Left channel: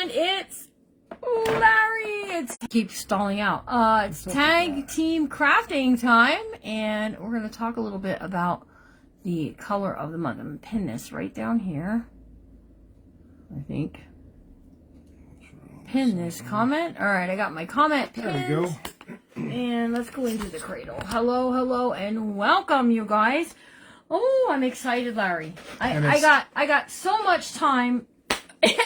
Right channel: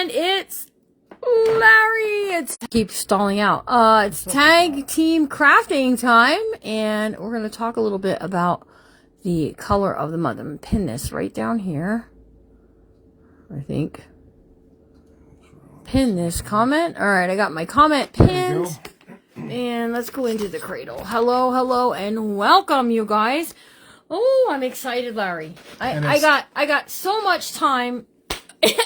And it's Larry. It's keep stalling out. It's tag team crafting time, and we're going to talk a little bit about the color of the month. I'm going to pin this right down here. I think. Pin this comment. All right, I got my comment pinned. And let's go into the cradle. Hello, hello, and welcome, you guys. Oh, I'm excited, Larry. I got so much time,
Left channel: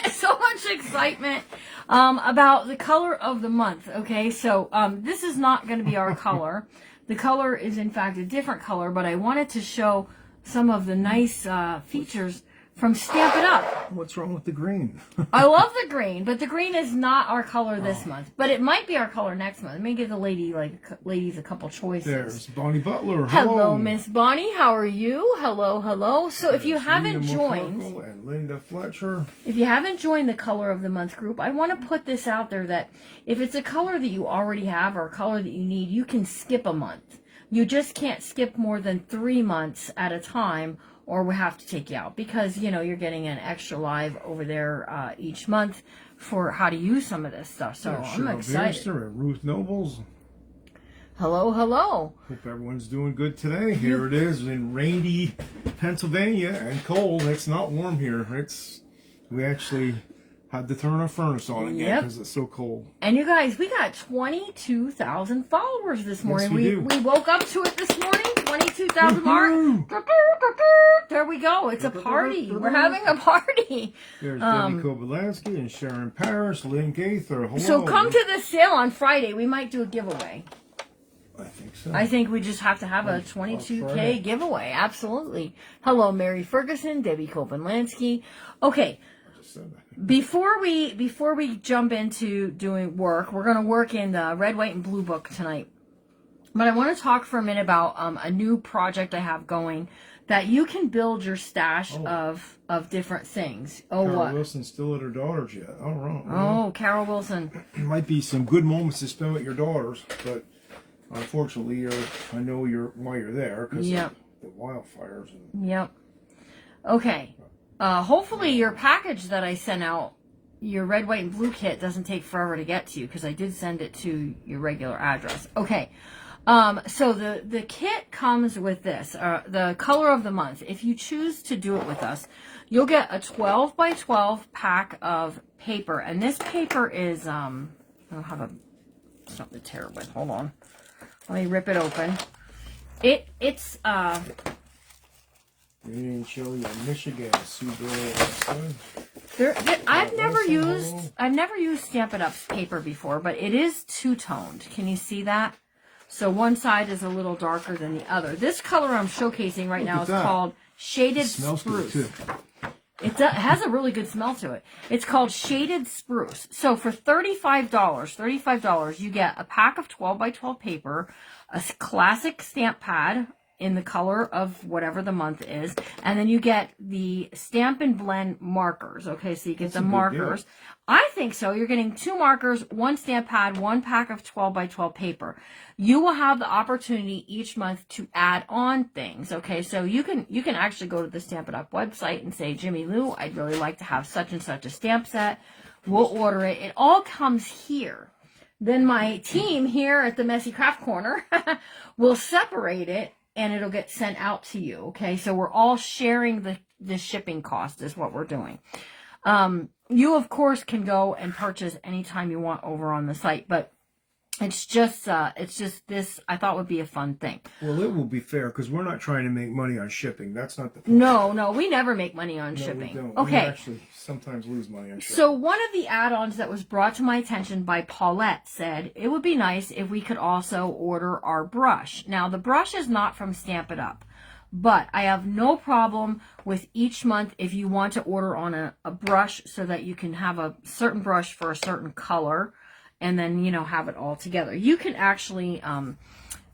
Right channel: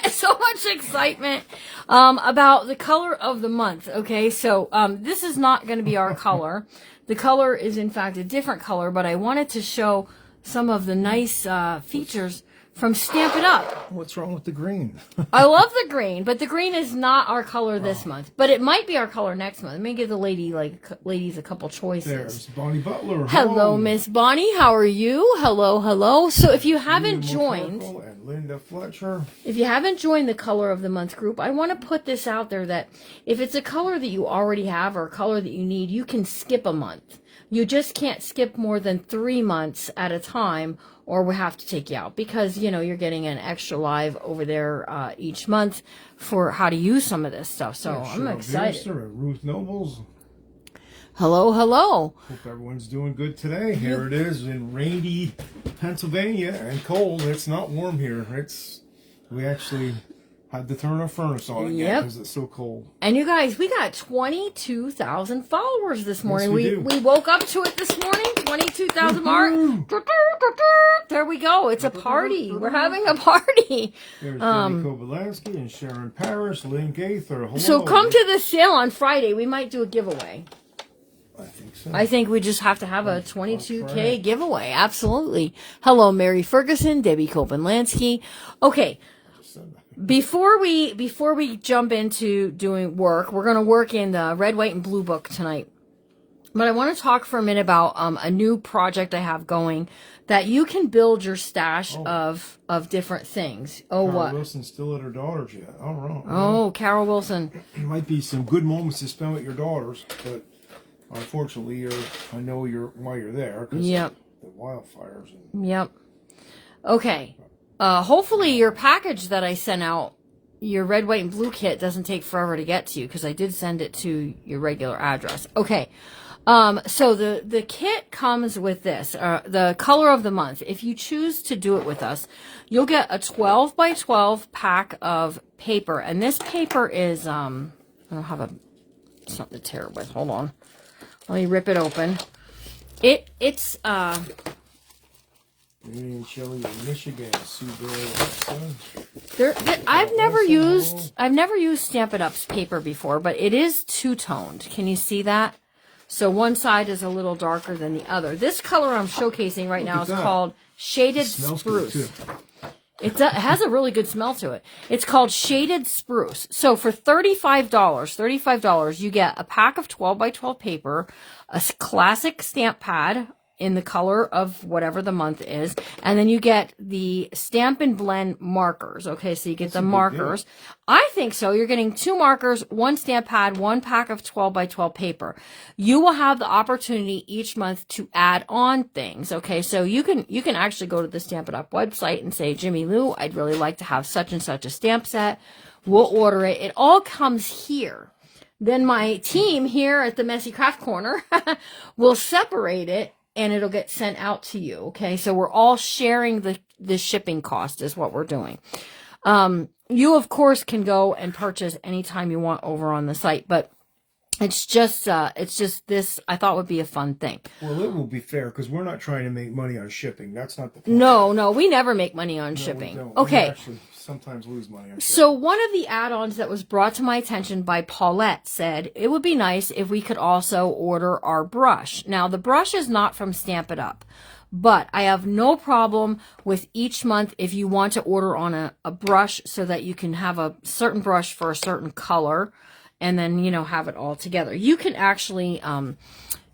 so much excitement about the color of the month. Okay, so this is not going to be our color. The color is, in fact, a different color, but I wanted to show some of the nice features from Stamp It Up. What's wrong with the green? I love the green, but the green is not our color this month. But it might be our color next month. Let me give the ladies a couple choices. There's Bonnie Butler. Hello, Miss Bonnie. How are you? Hello, hello. So if you haven't joined, and Linda Fletcher. If you haven't joined the color of the month group, I want to put this out there that if it's a color that you already have or a color that you need, you can skip a month. You just can't skip more than 3 months at a time, or we have to take you out because, you know, you're getting an extra live over there each month for how to use some of this stuff. So yeah, I'm excited. Ruth Nobles. Hello, hello. Hope everyone's doing good today. Here it is in rainy Pennsylvania and cold. It's not warm here. We actually had to turn our furnace on again because it's so cold. And you guys, we got 22,000 followers this morning. Yes, we woke up to it this morning. 22,000 mark. There we go. It's a party. We're having a party. There's Debbie Kobelansky and Sharon Parrish, Lynn Gaither. Hello. So come to the sale on Friday. We might do a giveaway. I think so. I think we just have to have a 22K giveaway. Absolutely. Hello, Mary Ferguson, Debbie Kobelansky. Okay. Before we jump into doing work, we're going to work in the red, white, and blue book tonight. But I want to talk for a minute about a new project I have going that you can build your stash of different things. Oh, Carol Wilson's still at her daughter's yet. All right. Oh, Carol Wilson. It might be some good moments to spend with your daughters, but unfortunately, I know why you're there because the wildfires. Yep. Okay. Hopefully your package that I sent out, your red, white, and blue kit doesn't take forever to get to you because I did send it to your regular address. Okay. So the kit comes with this, the color of the month. If you choose to do it with us, you'll get a 12 by 12 pack of paper. And this paper is, I don't have something to tear it with. Hold on. Let me rip it open. It's, Indian chili in Michigan, I've never used Stampin' Up's paper before, but it is two-toned. Can you see that? So one side is a little darker than the other. This color I'm showcasing right now is called Shaded Spruce. It has a really good smell to it. It's called Shaded Spruce. So for $35, you get a pack of 12 by 12 paper, a classic stamp pad in the color of whatever the month is, and then you get the Stamp and Blend markers. Okay, so you get the markers. I think so. You're getting 2 markers, 1 stamp pad, 1 pack of 12 by 12 paper. You will have the opportunity each month to add on things. Okay, so you can actually go to the Stamp It Up website and say, Jimmy Lou, I'd really like to have such and such a stamp set. We'll order it. It all comes here. Then my team here at the Messy Craft Corner will separate it, and it'll get sent out to you, okay? So we're all sharing the shipping cost is what we're doing. You, of course, can go and purchase anytime you want over on the site, but it's just this I thought would be a fun thing. Well, it will be fair because we're not trying to make money on shipping. That's not the point. No, we never make money on shipping. We don't. Okay. We actually sometimes lose money on shipping. So one of the add-ons that was brought to my attention by Paulette said it would be nice if we could also order our brush. Now, the brush is not from Stamp It Up, but I have no problem with each month if you want to order on a brush so that you can have a certain brush for a certain color and then, you know, have it all together. You can actually,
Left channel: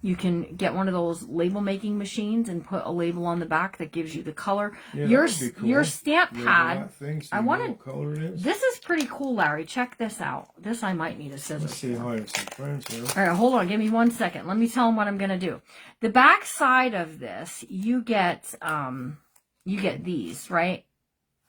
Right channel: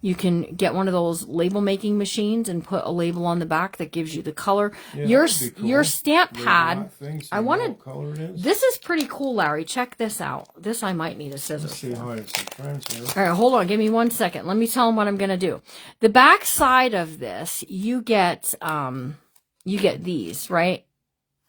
you can get one of those label making machines and put a label on the back that gives you the color. Yeah, your stamp pad, I wanted, this is pretty cool, Larry. Check this out. This I might need a scissors. Let's see how it's transfer. All right, hold on. Give me 1 second. Let me tell them what I'm going to do. The back side of this, you get these, right?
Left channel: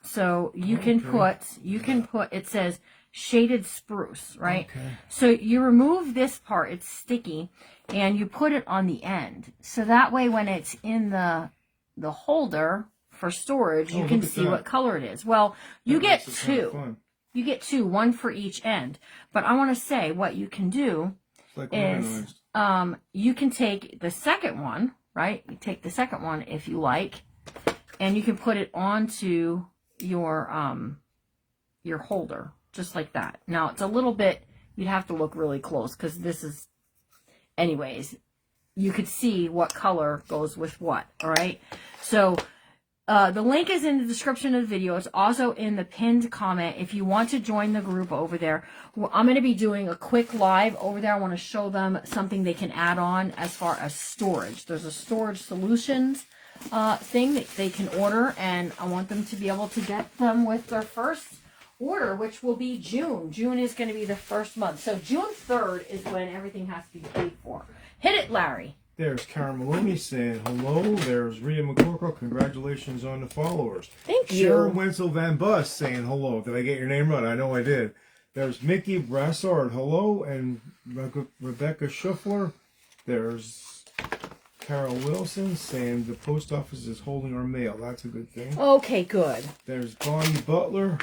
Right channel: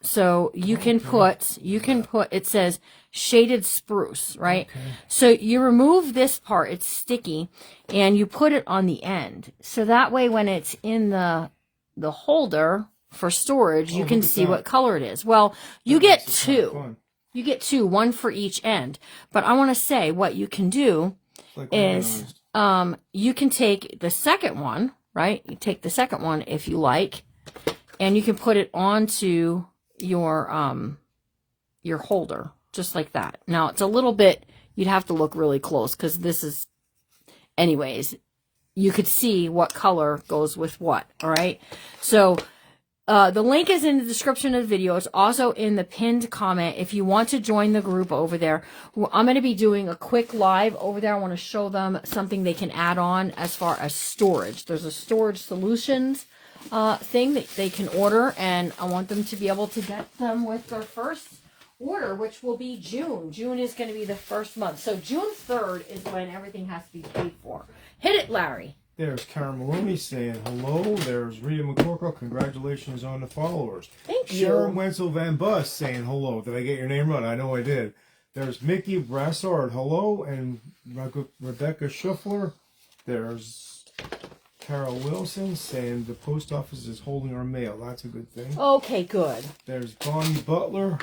So you can put, it says shaded spruce, right? Okay. So you remove this part, it's sticky, and you put it on the end. So that way when it's in the holder for storage, you can see what color it is. Well, you get two. You get two, one for each end. But I want to say what you can do is you can take the second one, right? You take the second one if you like, and you can put it onto your holder, just like that. Now, it's a little bit, you'd have to look really close because this is, anyways, you could see what color goes with what, all right? So the link is in the description of the video. It's also in the pinned comment if you want to join the group over there. I'm going to be doing a quick live over there. I want to show them something they can add on as far as storage. There's a storage solutions thing that they can order, and I want them to be able to get them with their first order, which will be June. June is going to be the first month. So June 3rd is when everything has to be paid for. Hit it, Larry. There's Karen Maloney saying hello. There's Rita McCorkle. Congratulations on the followers. Thank you. Sharon Wenzel Van Bus saying hello. Did I get your name right? I know I did. There's Mickey Brassard. Hello. And Rebecca Schuffler. There's Carol Wilson saying the post office is holding our mail. That's a good thing. Okay, good. There's Bonnie Butler.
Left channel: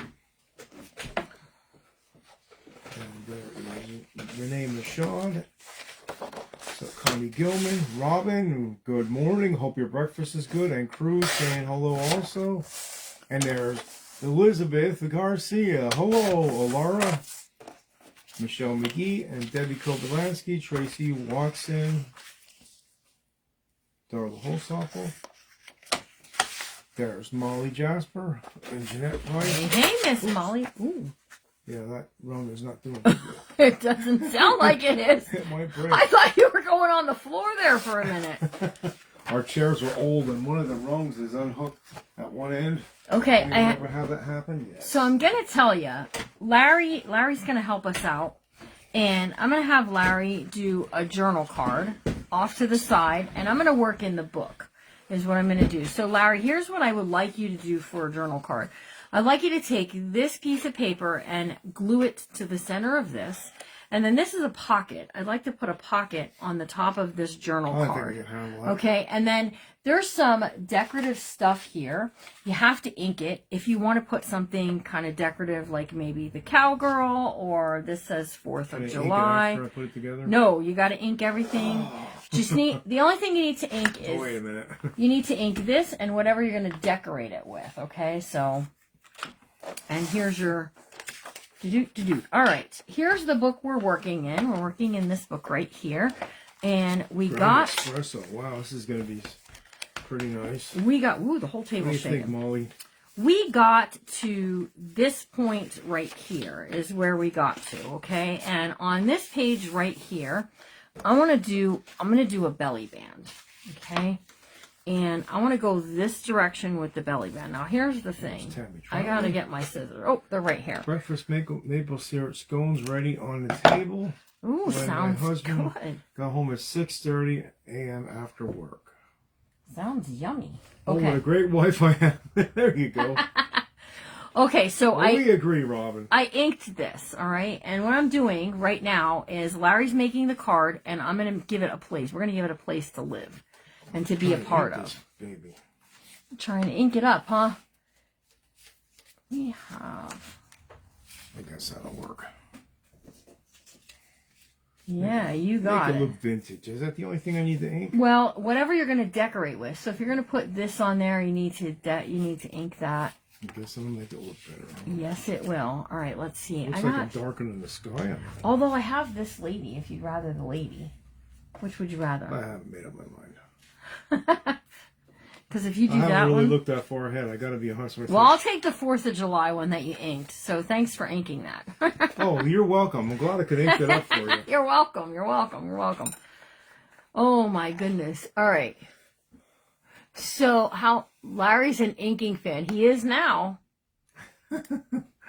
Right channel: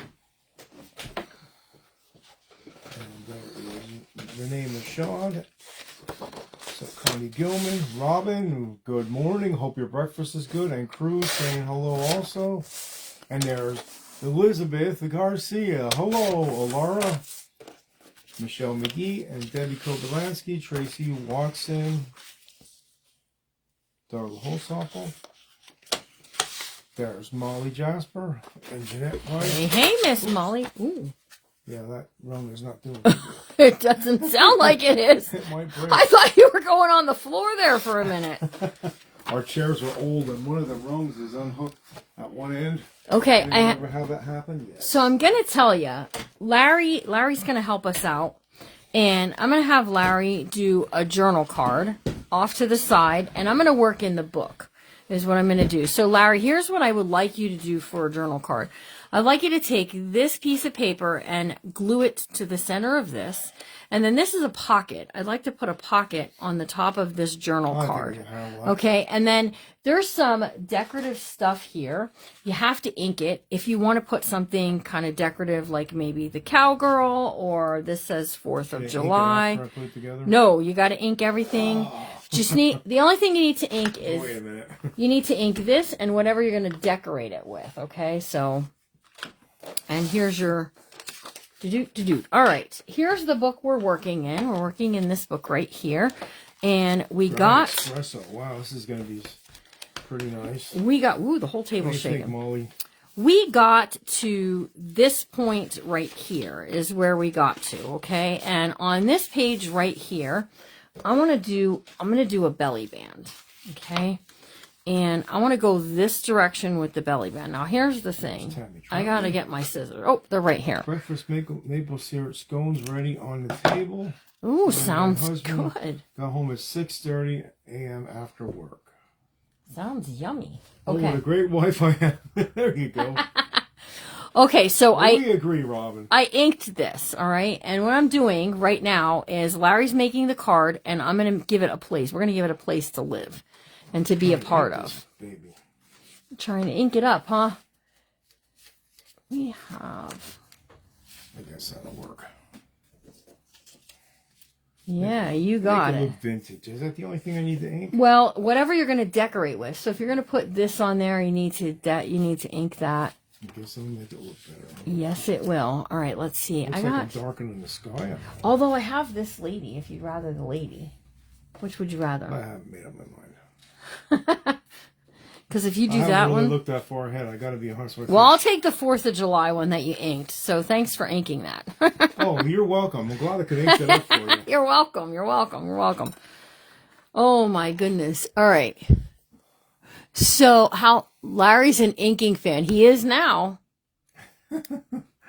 And there's Renee Michaud. So Connie Gilman, Robin, good morning. Hope your breakfast is good. And Cruz saying hello also. And there's Elizabeth Garcia. Hello, Alara. Michelle McGee and Debbie Kobelansky, Tracy Watson, Darla Holsopple. There's Molly Jasper and Jeanette White. Hey, Miss Molly. Ooh. Yeah, that rung is not doing good. It doesn't sound like it is. It might break. I thought you were going on the floor there for a minute. Our chairs are old, and one of the rungs is unhooked at one end. Okay, I never have that happen. Yes. So I'm gonna tell you, Larry's gonna help us out, and I'm gonna have Larry do a journal card off to the side, and I'm gonna work in the book. Is what I'm gonna do. So Larry, here's what I would like you to do for a journal card. I'd like you to take this piece of paper and glue it to the center of this. And then this is a pocket. I'd like to put a pocket on the top of this journal card. Okay, and then there's some decorative stuff here. You have to ink it. If you want to put something kind of decorative, like maybe the cowgirl, or this says 4th of July. After I put it together? No, you got to ink everything. Just need, the only thing you need to ink is, wait a minute. You need to ink this and whatever you're going to decorate it with, okay? So, and here's your, all right, here's the book we're working in. We're working in this book right here. And we got, espresso. Wow, this is going to be pretty nice. We got, ooh, the whole table's shaking. Molly? We got to this point right here is where we got to, okay? And on this page right here, I'm going to do a belly band, okay? And I want to go this direction with the belly band. Now, here's the thing. I got to get my scissors. Oh, they're right here. Breakfast maple syrup scones ready on the table. Ooh, sounds good. Got home at 6:30 a.m. after work. Sounds yummy. Okay. Okay. Oh, what a great wife I have. There you go. Okay, so we agree, Robin. I inked this, all right? And what I'm doing right now is Larry's making the card, and I'm going to give it a place. We're going to give it a place to live and to be a part of. Baby. I'm trying to ink it up, huh? We have... I guess that'll work. Yeah, you got it. Make it look vintage. Is that the only thing I need to ink? Well, whatever you're going to decorate with. So if you're going to put this on there, you need to ink that. I guess I'm going to make it look better. Yes, it will. All right, let's see. Looks like I'm darkening the sky. Although I have this lady, if you'd rather the lady. Which would you rather? I haven't made up my mind. Because if you do that one... I haven't really looked that far ahead. I got to be honest with you. Well, I'll take the 4th of July one that you inked. So thanks for inking that. Oh, you're welcome. I'm glad I could ink it up for you. You're welcome. You're welcome. You're welcome. Oh, my goodness. All right. So how Larry's an inking fan. He is now.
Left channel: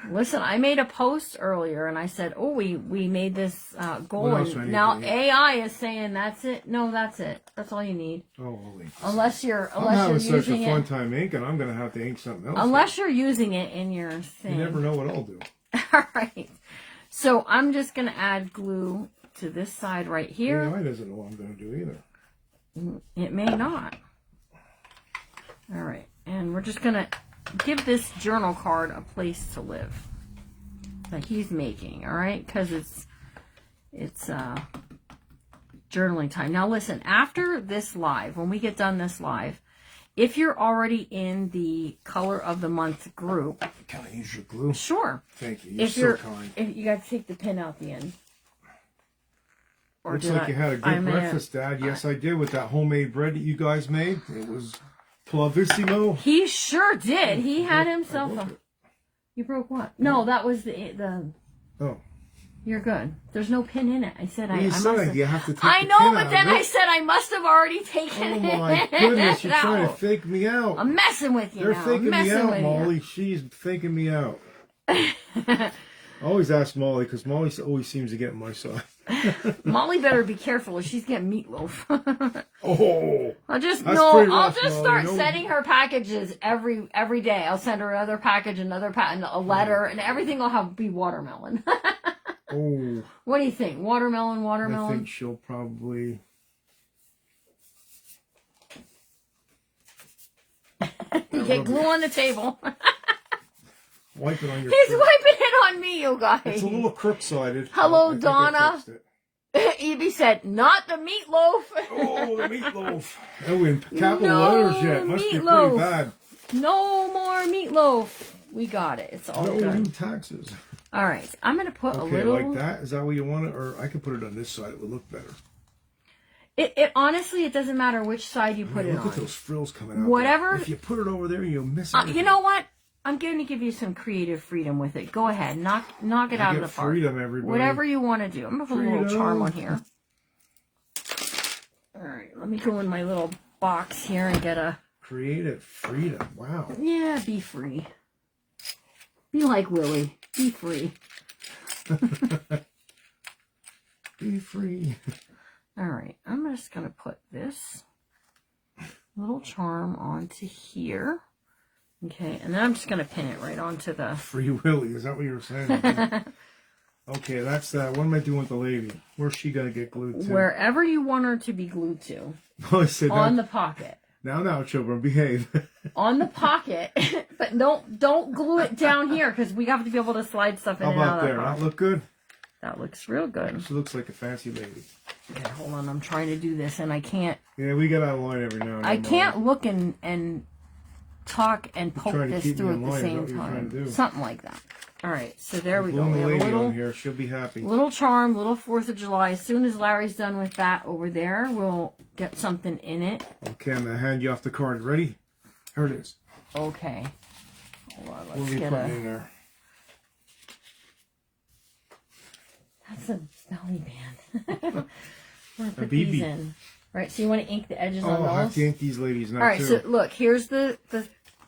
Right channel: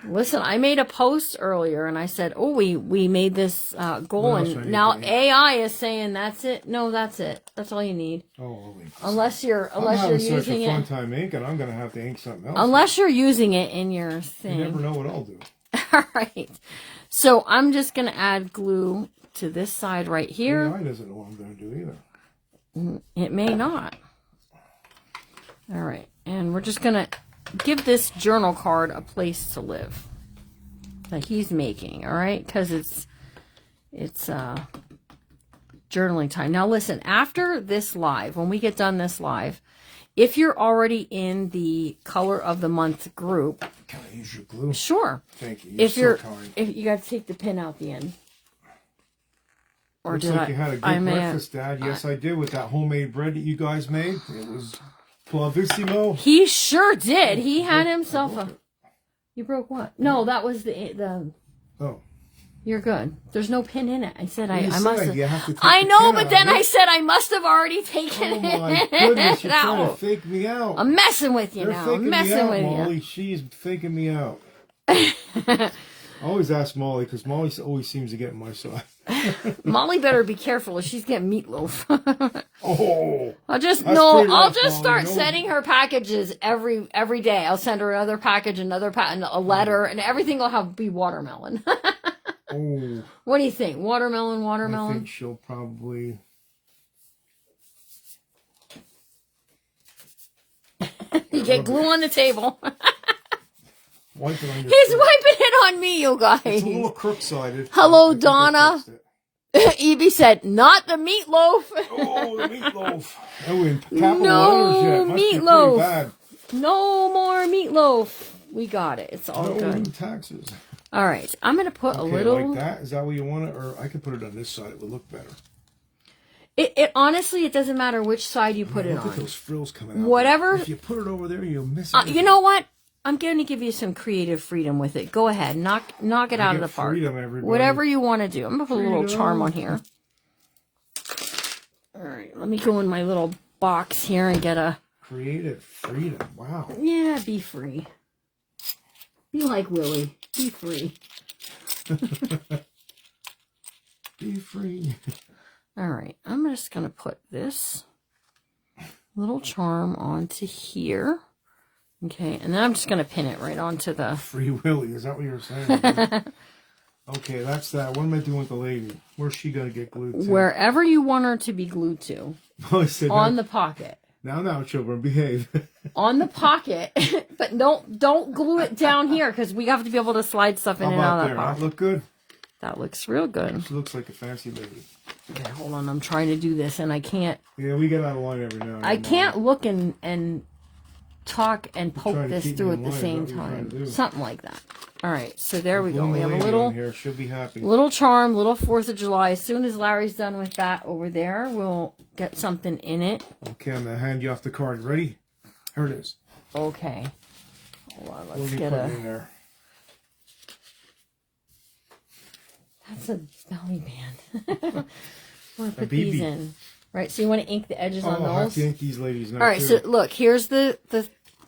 Listen, I made a post earlier and I said, oh, we made this goal. And now AI is saying that's it. No, that's it. That's all you need. Oh, unless you're using such a fun time ink, and I'm going to have to ink something else. Unless you're using it in your thing. You never know what I'll do. All right. So I'm just going to add glue to this side right here. AI doesn't know what I'm going to do either. It may not. All right. And we're just going to give this journal card a place to live that he's making. All right. Because it's journaling time. Now listen, after this live, when we get done this live, if you're already in the color of the month group. Can I use your glue? Sure. Thank you. You're so kind. If you got to take the pin out the end. Or looks like you had a good breakfast, Dad. Yes, I did, with that homemade bread that you guys made. It was Bravissimo. He sure did. He had himself a... You broke what? No, that was the... Oh. You're good. There's no pin in it. I said I must have. You have to take I know, but then I said I must have already taken it. Oh my goodness, you're trying to fake me out. I'm messing with you You're now. faking me out, Molly. You. She's faking me out. I always ask Molly because Molly always seems to get my side. Molly better be careful if she's getting meatloaf. Oh, I'll just start sending her packages every day. I'll send her another package, a letter, and everything will be watermelon. Oh. What do you think? Watermelon? I think she'll probably... You get glue on the table. Wipe it on your He's face. wiping it on me, you guys. It's a little crook-sided. Hello, Donna. Evie said, not the meatloaf. Oh, the meatloaf. Oh, we're in capital letters yet. Must be pretty bad. No more meatloaf. We got it. It's all good. Taxes. All right, I'm going to put a little... like that? Is that what you want it? Or I can put it on this side. It would look better. It honestly, it doesn't matter which side you put it on. Look at those frills coming out. Whatever. If you put it over there, you'll miss it. You know what? I'm going to give you some creative freedom with it. Go ahead. Knock it out of the park. Freedom, everybody. Whatever you want to do. I'm going to put a little charm on here. All right, let me go in my little box here and get a... Creative freedom. Wow. Yeah, be free. Be like Willie. Be free. Be free. All right, I'm just going to put this little charm onto here. Okay, and then I'm just going to pin it right onto the... Free Willie, is that what you were saying? Okay, that's that. What am I doing with the lady? Where's she going to get glued to? Wherever you want her to be glued to. On the pocket. Now, children, behave. On the pocket, but don't glue it down here because we have to be able to slide stuff in and out of that pocket. That look good? That looks real good. She looks like a fancy lady. Okay, hold on. I'm trying to do this and I can't. Yeah, we get out of line every now and then. I can't look and talk and poke this through at the same time. Something like that. All right, so there we go. We have a little here. She'll be happy. Little charm, little 4th of July. As soon as Larry's done with that over there, we'll get something in it. Okay, I'm gonna hand you off the card. Ready? Here it is. Okay. Well, let's get it in there. That's a belly band. We're gonna put these in. Right, so you want to ink the edges on those? I have to ink these ladies now. All right, so look, here's the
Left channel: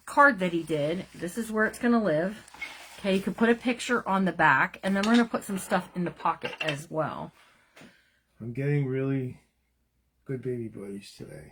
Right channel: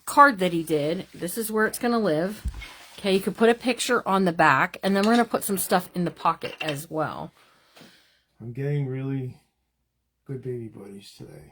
card that he did. This is where it's gonna live. Okay, you could put a picture on the back, and then we're going to put some stuff in the pocket as well. I'm getting really good baby buddies today.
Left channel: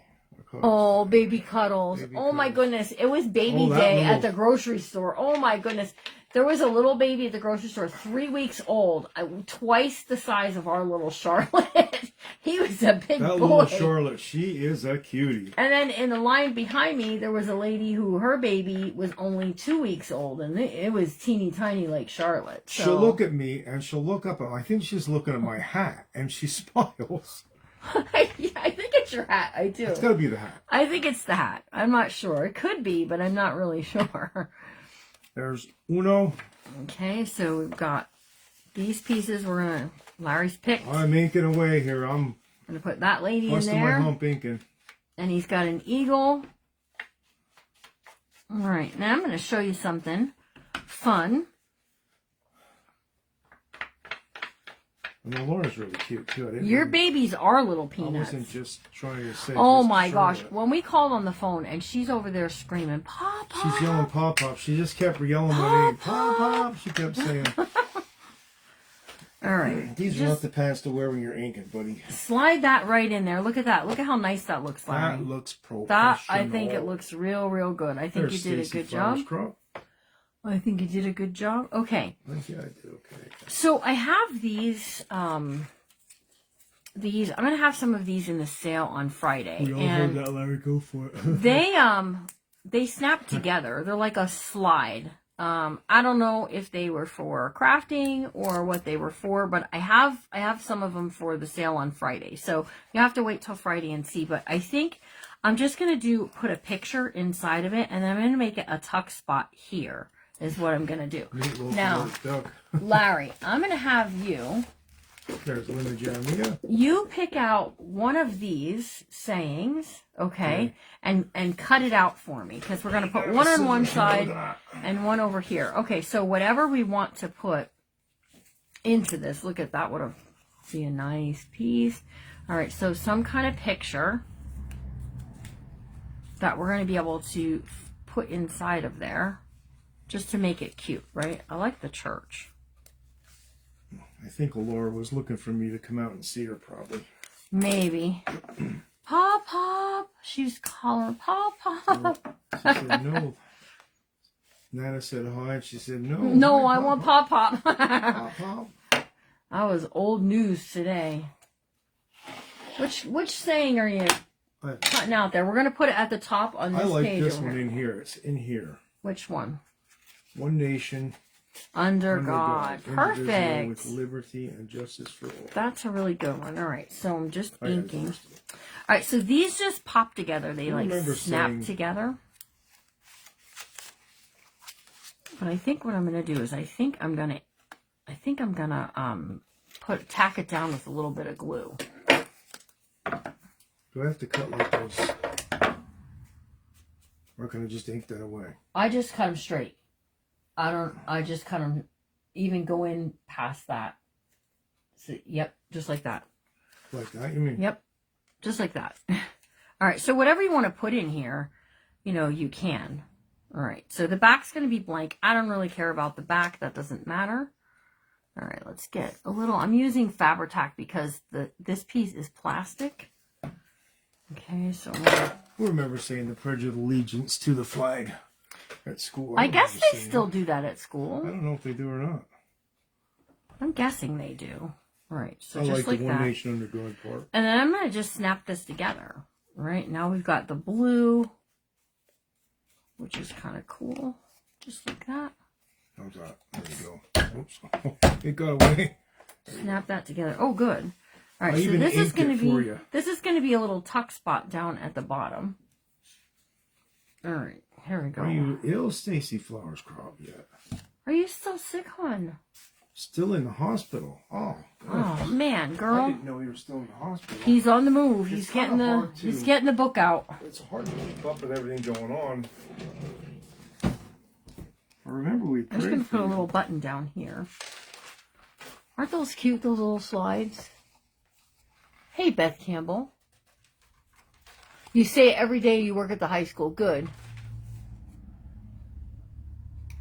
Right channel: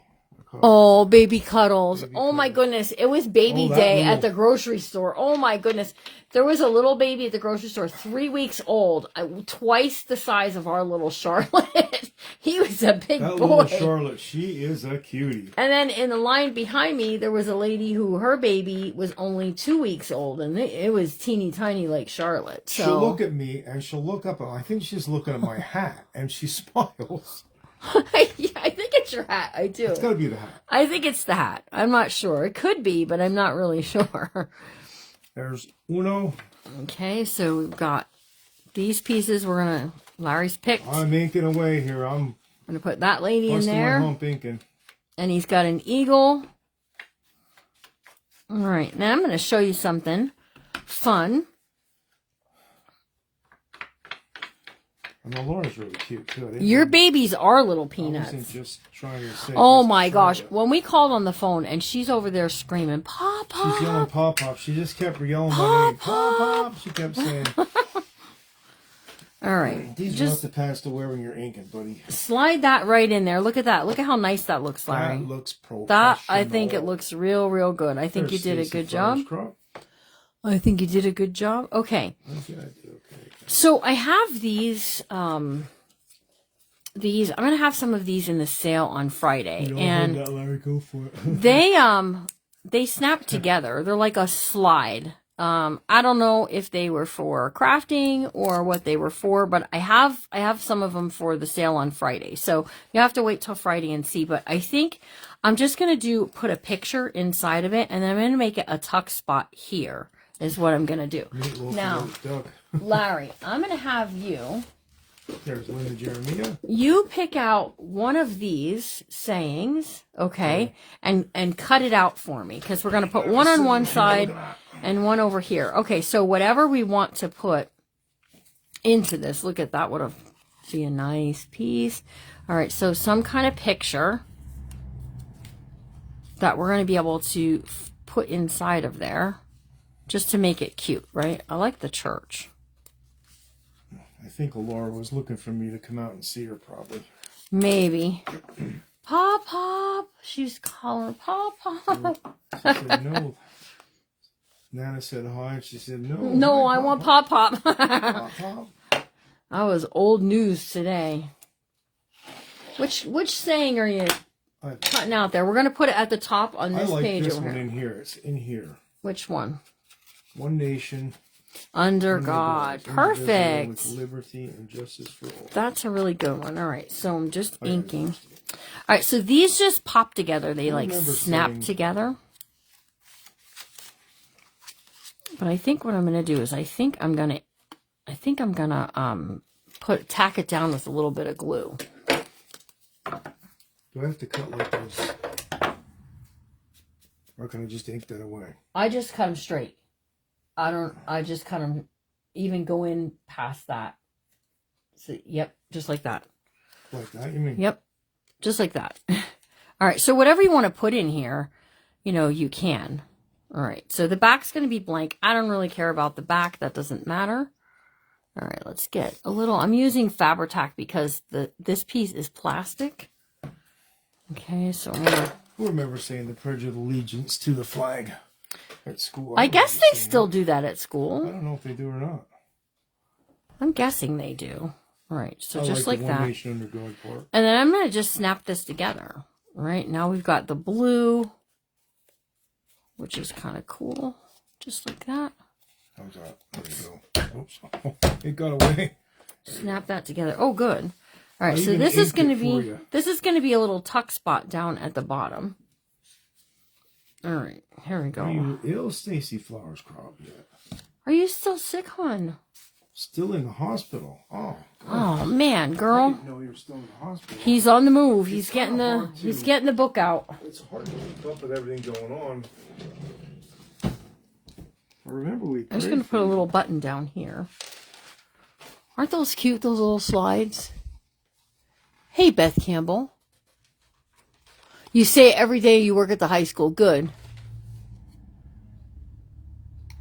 Oh, baby cuddles. Oh, my goodness. It was baby day at the grocery store. Oh, my goodness. There was a little baby at the grocery store, 3 weeks old, twice the size of our little Charlotte. He was a big boy. That little Charlotte, she is a cutie. And then in the line behind me, there was a lady who her baby was only 2 weeks old, and it was teeny tiny like Charlotte. So. She'll look at me, and she'll look up, and I think she's looking at my hat, and she smiles. Yeah, I think it's your hat. I do. It's got to be the hat. I think it's the hat. I'm not sure. It could be, but I'm not really sure. There's uno. Okay, so we've got these pieces. We're going to... Larry's picked. I'm inking away here. I'm going to put that lady in there. My hump inking. And he's got an eagle. All right, now I'm going to show you something fun. And the Laura's really cute, too. Your babies are little peanuts. I wasn't just trying to say... Oh, my gosh. When we called on the phone, and she's over there screaming, Pop, Pop. She's yelling, Pop, Pop. She just kept yelling my name. Pop, Pop. She kept saying... All right. These are not the pants to wear when you're inking, buddy. Slide that right in there. Look at that. Look at how nice that looks, Larry. That looks professional. That, I think it looks real, real good. I think you did a good job. I think you did a good job. Okay. I think I did okay. So I have these, I'm going to have some of these in the sale on Friday. We all and heard that, Larry. Go for it. they snap together. They're like a slide. I don't know if they were for crafting or what they were for, but I have some of them for the sale on Friday. So you have to wait till Friday and see. But I think I'm just going to put a picture inside of it, and then I'm going to make it a tuck spot here is what I'm going to do. Now, Larry, I'm going to have you. There's Linda Jeremiah. You pick out one of these sayings, okay, and cut it out for me, because we're going to put one on one side and one over here. Okay, so whatever we want to put into this, look at that, would be a nice piece. All right, so some kind of picture that we're going to be able to put inside of there, just to make it cute, right? I like the church. I think Laura was looking for me to come out and see her, probably. Maybe. Pop, Pop. She's calling Pop, Pop. She said no. Nana said hi, and she said no. No, hi, I want Pop, Pop. Pop, Pop. That was old news today. Which saying are you cutting out there? We're going to put it at the top on this page. I like this one in here. It's in here. Which one? One nation. Under God. Perfect. With liberty and justice for all. That's a really good one. All right, so I'm just inking. All right, so these just pop together. They like snap together. But I think what I'm going to do is I think I'm going to tack it down with a little bit of glue. Do I have to cut like this? Or can I just ink that away? I just cut them straight. I just cut them, even go in past that. So, yep, just like that. Like that, you mean? Yep, just like that. All right, so whatever you want to put in here, you can. All right, so the back's going to be blank. I don't really care about the back. That doesn't matter. All right, let's get a little. I'm using Fabri-Tac because this piece is plastic. Okay, so I'm gonna. Who remember saying the Pledge of Allegiance to the flag at school? I guess they still do that at school. I don't know if they do or not. I'm guessing they do. All right, so I just like the that. One Nation Under God part. And then I'm going to just snap this together. Right, now we've got the blue, which is kind of cool. Just like that. How's that? There we go. Oops. It got away. Snap that together. Oh, good. All right, so this is going to be a little tuck spot down at the bottom. All right, here we go. Are you ill, Stacy Flowers Crop, yet? Are you still sick, hon? Still in the hospital. Oh, God. Oh man, girl. I didn't know you were still in the hospital. He's on the move. He's getting the book out. It's hard to keep up with everything going on. I remember I'm just going to put a little button down here. Aren't those cute, those little slides? Hey, Beth Campbell. You say every day you work at the high school. Good.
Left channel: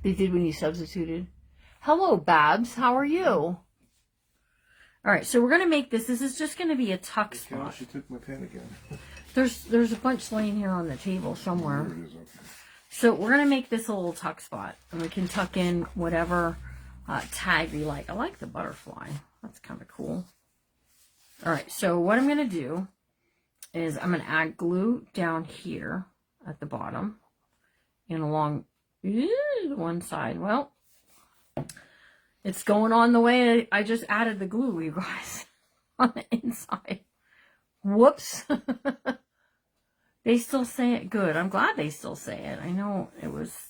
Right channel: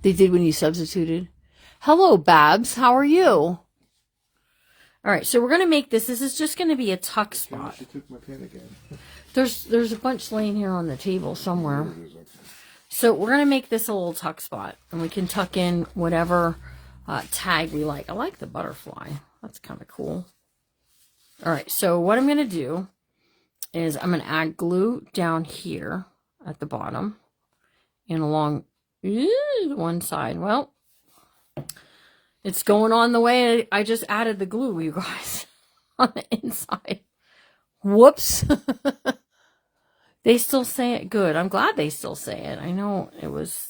They did when you substituted. Hello, Babs. How are you? All right, so we're going to make this. This is just going to be a tuck spot. She took my pen again. There's a bunch laying here on the table somewhere. There it is, okay. So we're going to make this a little tuck spot. And we can tuck in whatever tag we like. I like the butterfly. That's kind of cool. All right, so what I'm going to do is I'm going to add glue down here at the bottom and along one side. Well, it's going on the way I just added the glue, you guys, on the inside. Whoops. They still say it good. I'm glad they still say it. I know it was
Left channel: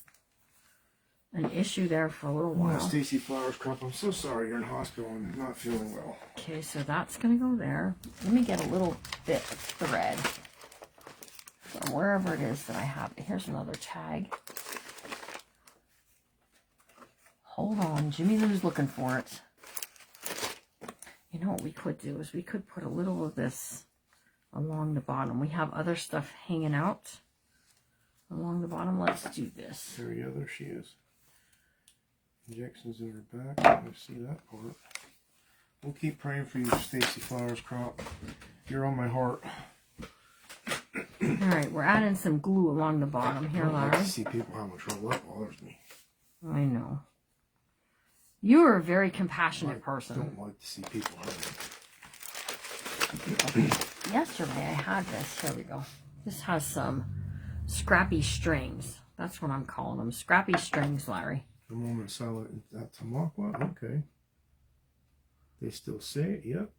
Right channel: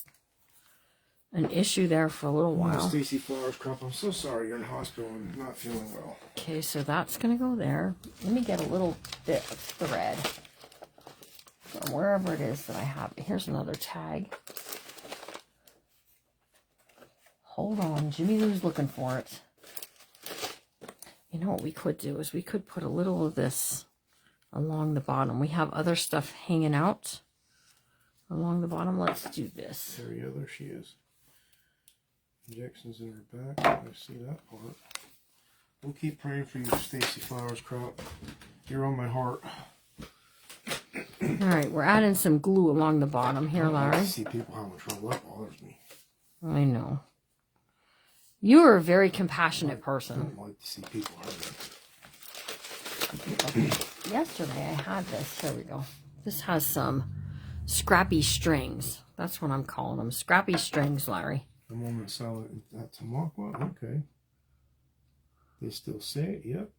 an issue there for a little while. Stacy Flowers Crop, I'm so sorry you're in hospital and not feeling well. Okay, so that's going to go there. Let me get a little bit of thread from wherever it is that I have it. Here's another tag. Hold on. Jimmy Lou's looking for it. You know what we could do is we could put a little of this along the bottom. We have other stuff hanging out along the bottom. Let's do this. There she is. Injections in her back. I see that part. We'll keep praying for you, Stacy Flowers Crop. You're on my heart. All right, we're adding some glue along the bottom here, Larry. I see people how much roll up bothers me. I know. You are a very compassionate person. I don't like to see people hurting. Okay. Yesterday I had this. Here we go. This has some scrappy strings. That's what I'm calling them. Scrappy strings, Larry. The moment salad at Tamaqua. Okay. They still say it. Yep.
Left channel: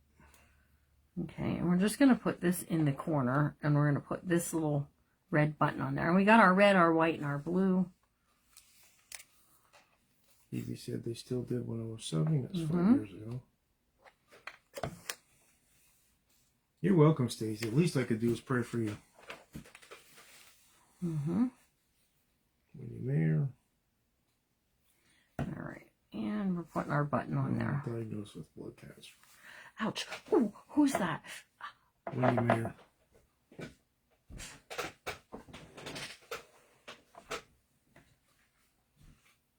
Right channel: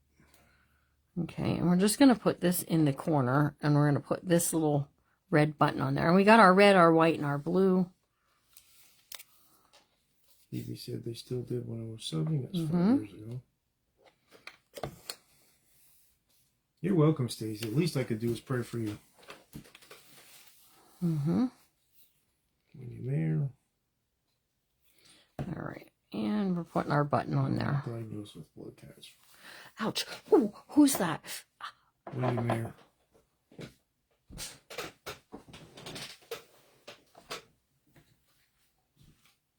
Okay, and we're just going to put this in the corner, and we're going to put this little red button on there. And we got our red, our white, and our blue. Evie said they still did when I was 7. That's 5 years ago. You're welcome, Stacey. The least I could do is pray for you. There. All right, and we're putting our button on there. Diagnosed with blood cancer. Ouch. Ooh, who's that? Wendy Mayer.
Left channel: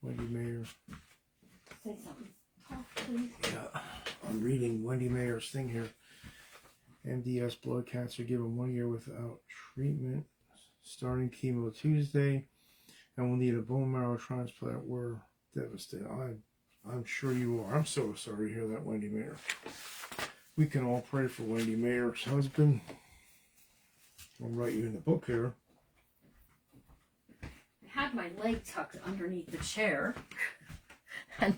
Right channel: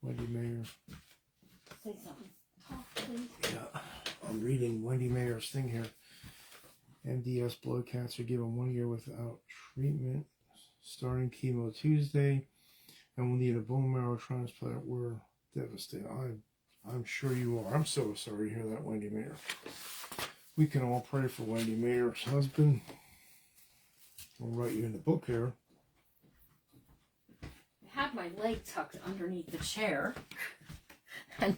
Wendy Mayer. Say something. Talk, please. Yeah, I'm reading Wendy Mayer's thing here. MDS blood cancer given 1 year without treatment. Starting chemo Tuesday. And will need a bone marrow transplant. We're devastated. I'm sure you are. I'm so sorry to hear that, Wendy Mayer. We can all pray for Wendy Mayer's husband. I'll write you in the book here. I had my leg tucked underneath the chair, and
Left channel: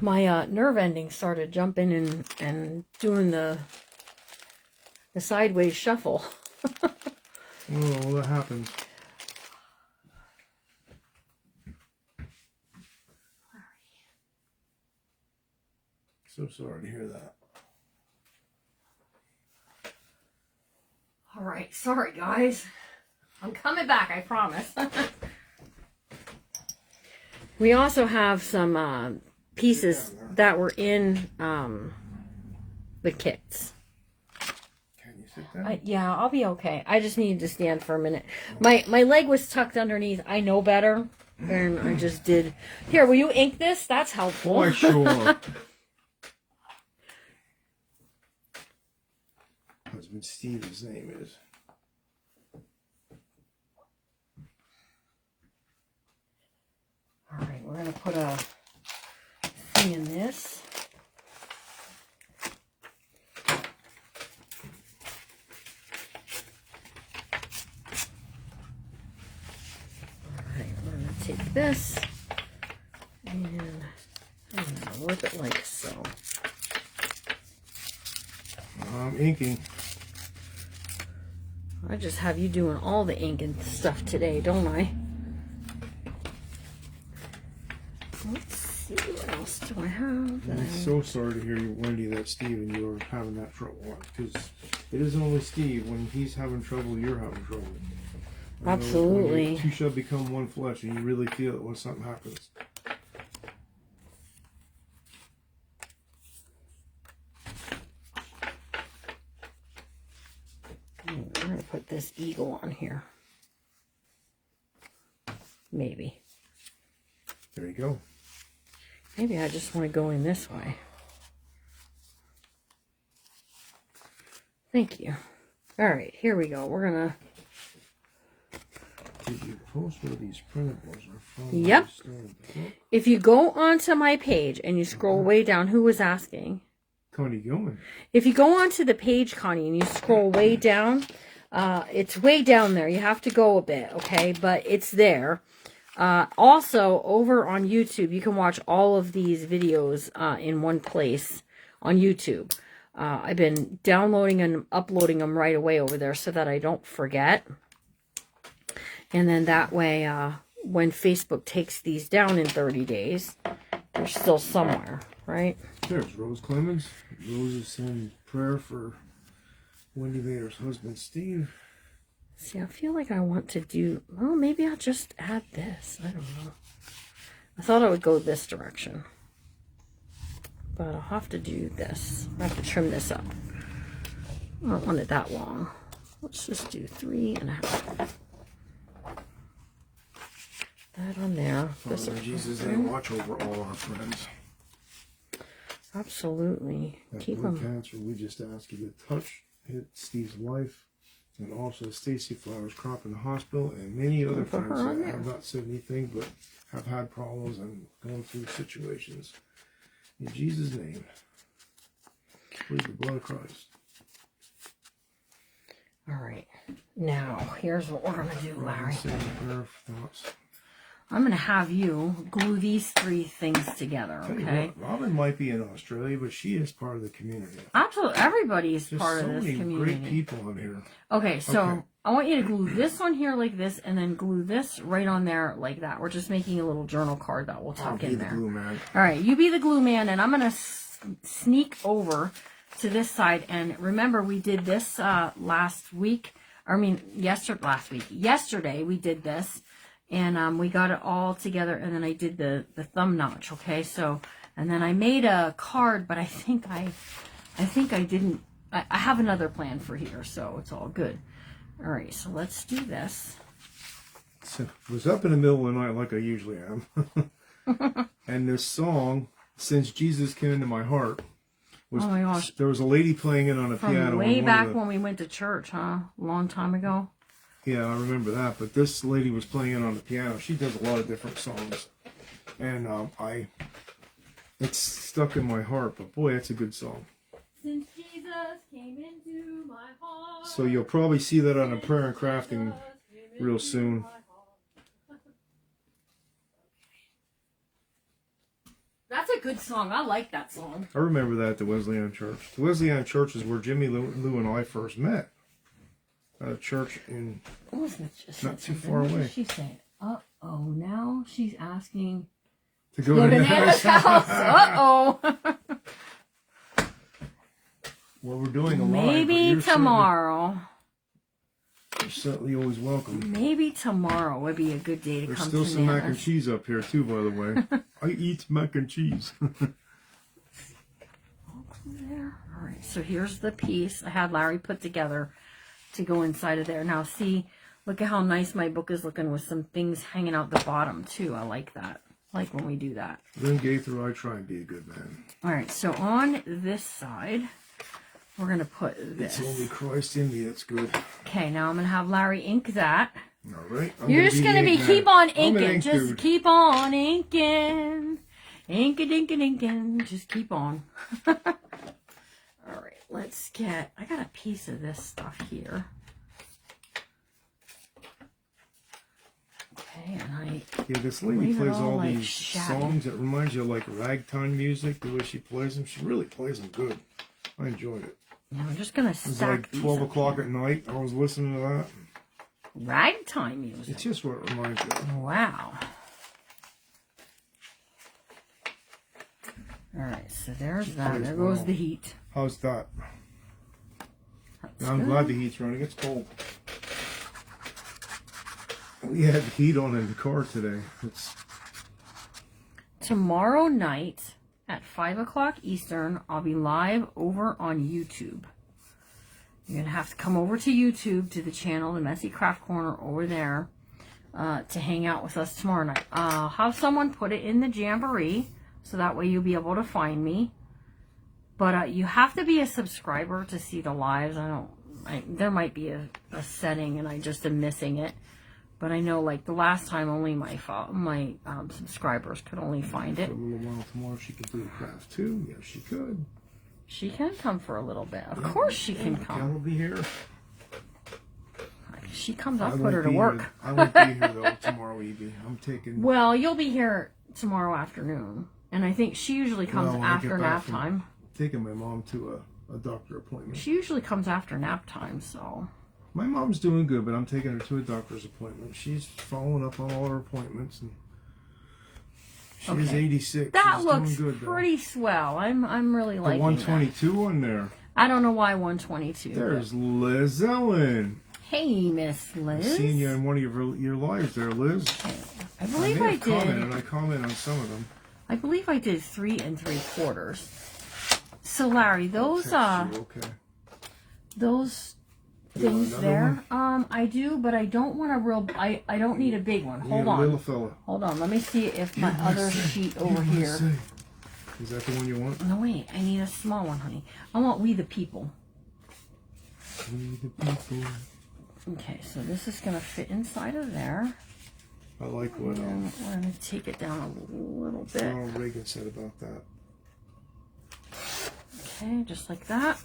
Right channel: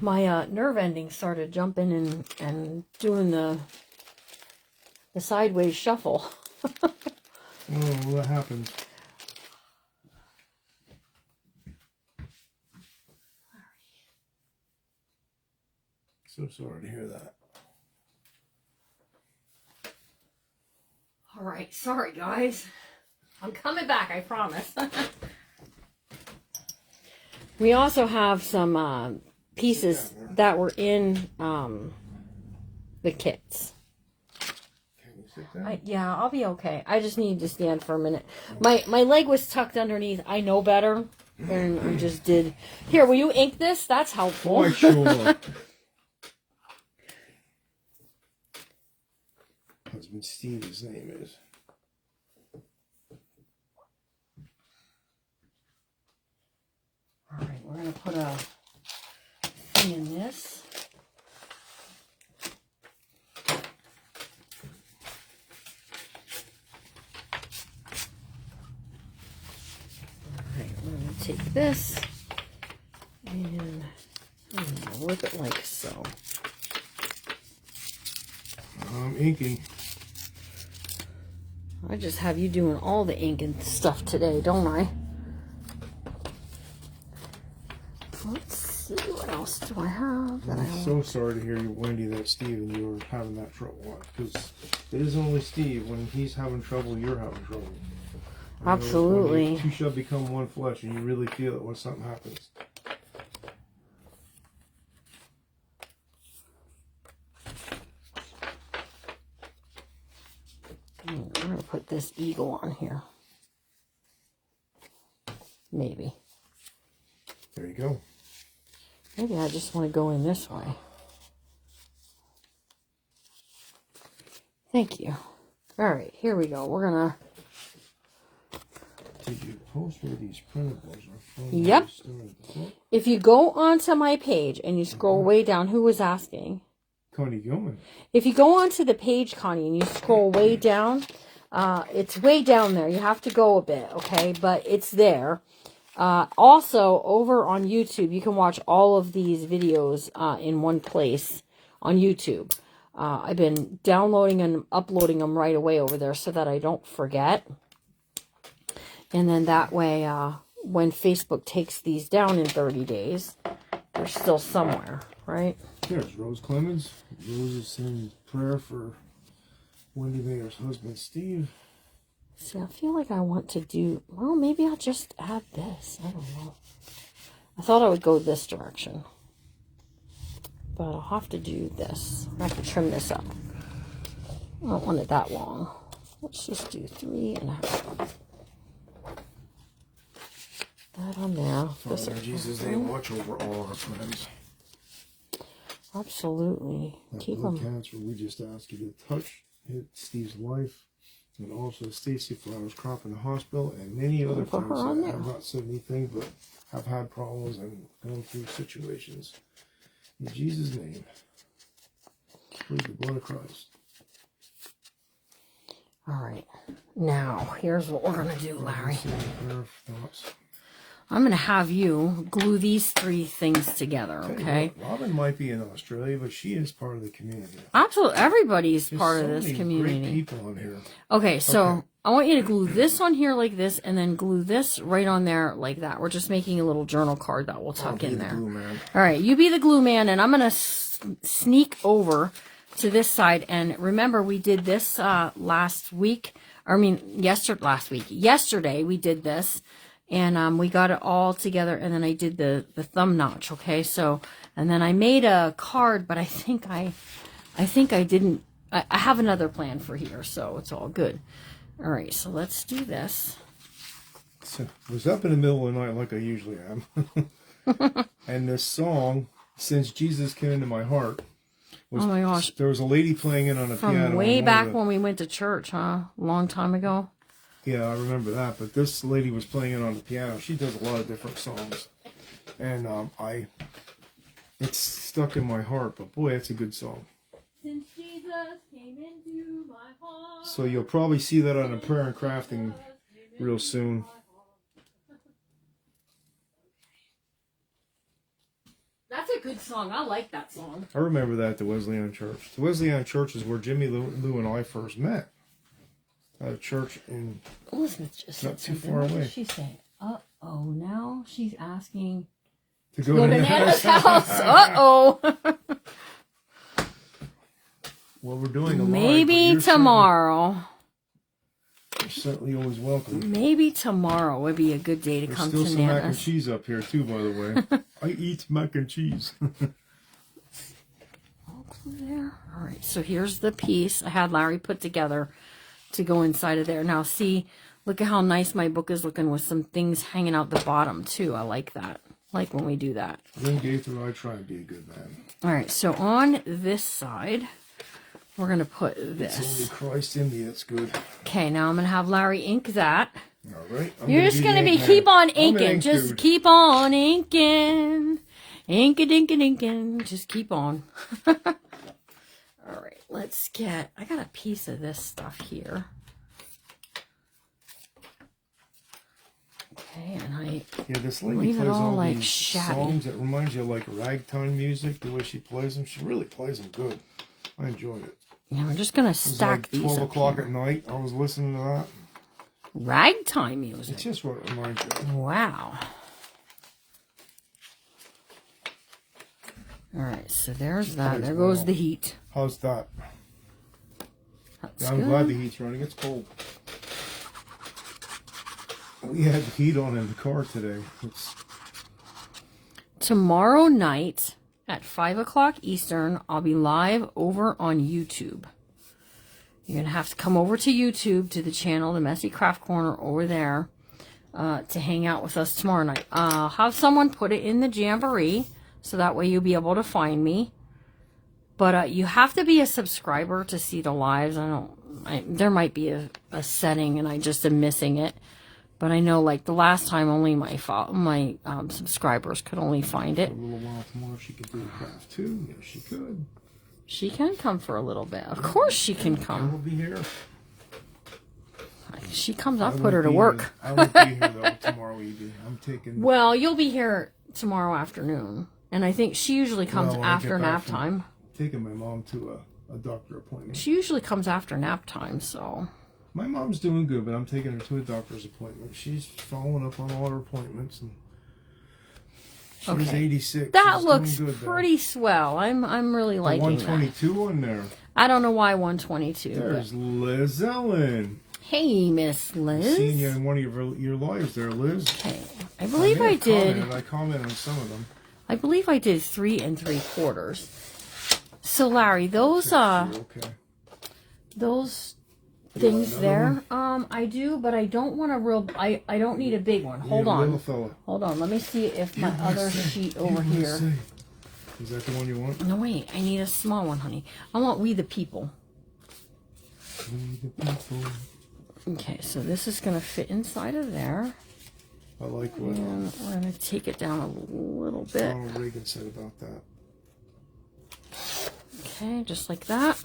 my nerve ending started jumping and doing the sideways shuffle. Oh, that happens. So sorry to hear that. All right, sorry guys. I'm coming back, I promise. We also have some pieces that were in the kits. Can you sit down? Yeah, I'll be okay. I just needed to stand for a minute. My leg was tucked underneath. I know better, and I just did. Here, will you ink this? That's helpful. Why, sure. Husband Steve, his name is. All right, we're going to put a thing in this. All right, we're going to take this and I'm going to rip it like so. I'm inking. I just have you doing all the ink and stuff today, don't I? Let's see, what else do I have that I'm I so sorry to hear you, Wendy, that Steve and you are having that trouble. Because it isn't only Steve. When he's having trouble, you're having trouble. Absolutely. Two shall become one flesh, and you really feel it when something happens. We're going to put this eagle on here. Maybe. There you go. Maybe I just want to go in this way. Thank you. All right, here we go. We're going to... Did you post where these printables are from? Yep. If you go onto my page and you scroll way down, who was asking? Connie Gilman. If you go onto the page, Connie, and you scroll way down, it's way down there. You have to go a bit, okay? But it's there. Also, over on YouTube, you can watch all of these videos in one place on YouTube. I've been downloading and uploading them right away over there so that I don't forget. And then that way, when Facebook takes these down in 30 days, they're still somewhere, right? There's Rose Clemens. Rose is saying prayer for Wendy Mayer's husband, Steve. See, I feel like I want to do... Well, maybe I'll just add this. I don't know. I thought I would go this direction. But I'll have to do this. I have to trim this up. I don't want it that long. Let's just do 3.5. That on there. This Father, in Jesus' name, watch over all our friends. Absolutely. That Keep blood them. cancer, we just ask you to touch, hit Steve's life, and also Stacy Flowers Crop in the hospital, and many other Put things. her on I there. have not said anything, but have had problems and going through situations. In Jesus' name, please the blood of Christ. All right. Now, here's what we're going to do, Larry. I'm going to have you glue these 3 things together, okay? Robin might be in Australia, but she is part of the community. Absolutely. Everybody's part of this community. Great people on here. Okay, so I want you to glue this on here like this, and then glue this right on there like that. We're just making a little journal card that we'll tuck in there. Glue man. All right, you be the glue man, and I'm going to sneak over to this side. And remember, we did this last week. Yesterday we did this. And we got it all together, and then I did the thumb notch, okay? So, and then I made a card, but I think I didn't, I have another plan for here, so it's all good. All right, so let's do this. So, I was up in the middle of the night like I usually am. And this song, Since Jesus Came Into My Heart, was, oh my gosh. There was a lady playing it on the piano. From way back when we went to church, huh? A long time ago. Yeah, I remember that. But this lady was playing it on the piano. She does a lot of different songs, and it's stuck in my heart. But boy, it's a good song. Since Jesus came into my heart. So you'll probably see that on a prayer and crafting real soon. That's a good song. I like that song. I remember that at the Wesleyan Church. The Wesleyan Church is where Jimmy Lou and I first met. At a church in Elizabeth just not too far away. She's saying, "Uh-oh, now she's asking to go to Nana's house." Uh-oh. Well, we're doing a maybe tomorrow. You're certainly always welcome. Maybe tomorrow would be a good day to come to Nana's. There's still some mac and cheese up here too, by the way. I eat mac and cheese. There. All right. So here's the piece I had Larry put together to go inside of there. Now see, look at how nice my book is looking with some things hanging out the bottom too. I like that. Like when we do that. Then Gaither, I try and be a good man. All right, so on this side, we're going to put this. It's only Christ in me, it's good. Okay, now I'm going to have Larry ink that. All right. You're just going to be keep on inking. Just keep on inking. Inking. Just keep on. All right, let's get, I got a piece of this stuff here. Okay, and this lady plays all like these songs that reminds you of like ragtime music, the way she plays them. She really plays them good. I enjoyed it. Yeah, I'm just going to stack these. It was like 12 o'clock at night. I was listening to that. Ragtime music. It's just what it reminds you of. Wow. All right, so there's that. There goes the heat. How's that? That's I'm glad the heat's running. It's cold. We had the heat on in the car today. Tomorrow night at 5 o'clock Eastern, I'll be live over on YouTube. You're going to have to come over to YouTube, to the channel, the Messy Craft Corner over there, to hang out with us tomorrow night. I'll have someone put it in the Jamboree, so that way you'll be able to find me. But you have to be a subscriber to see the lives. There might be a setting and I just am missing it. But I know, like, the last time only my subscribers could only find it. For a little while tomorrow, she could do a craft too. Yes, she could. She can come for a little bit. Of course she can come. I will be here. If she comes, I'll put her to work. I won't be here, though, tomorrow, Evie. I'm taking... Well, you'll be here tomorrow afternoon. And I think she usually comes after nap time. Taking my mom to a doctor appointment. She usually comes after nap time, so... My mom's doing good, but I'm taking her to a doctor's appointment. She's following up on all her appointments, and she's 86. That she's looks good, pretty swell. I'm really liking the 122 on there. I don't know why 122. There's Liz Ellen. Hey, Miss Liz. I've seen you in one of your lives there, Liz. Okay. I believe I did. I commented on some of them. I believe I did 3 3/4. So Larry, those things there, I do, but I don't want a real. I don't need a big one. Hold on, little fella. Hold on. Let me see if my other sheet over here. Is that the one you want? No, wait. I need a small one, honey. I want We the People. We the People. Okay, so this is gonna fit inside of there. I like what we're going to take it down a little bit. Ronald Reagan said about that. Okay, just like that.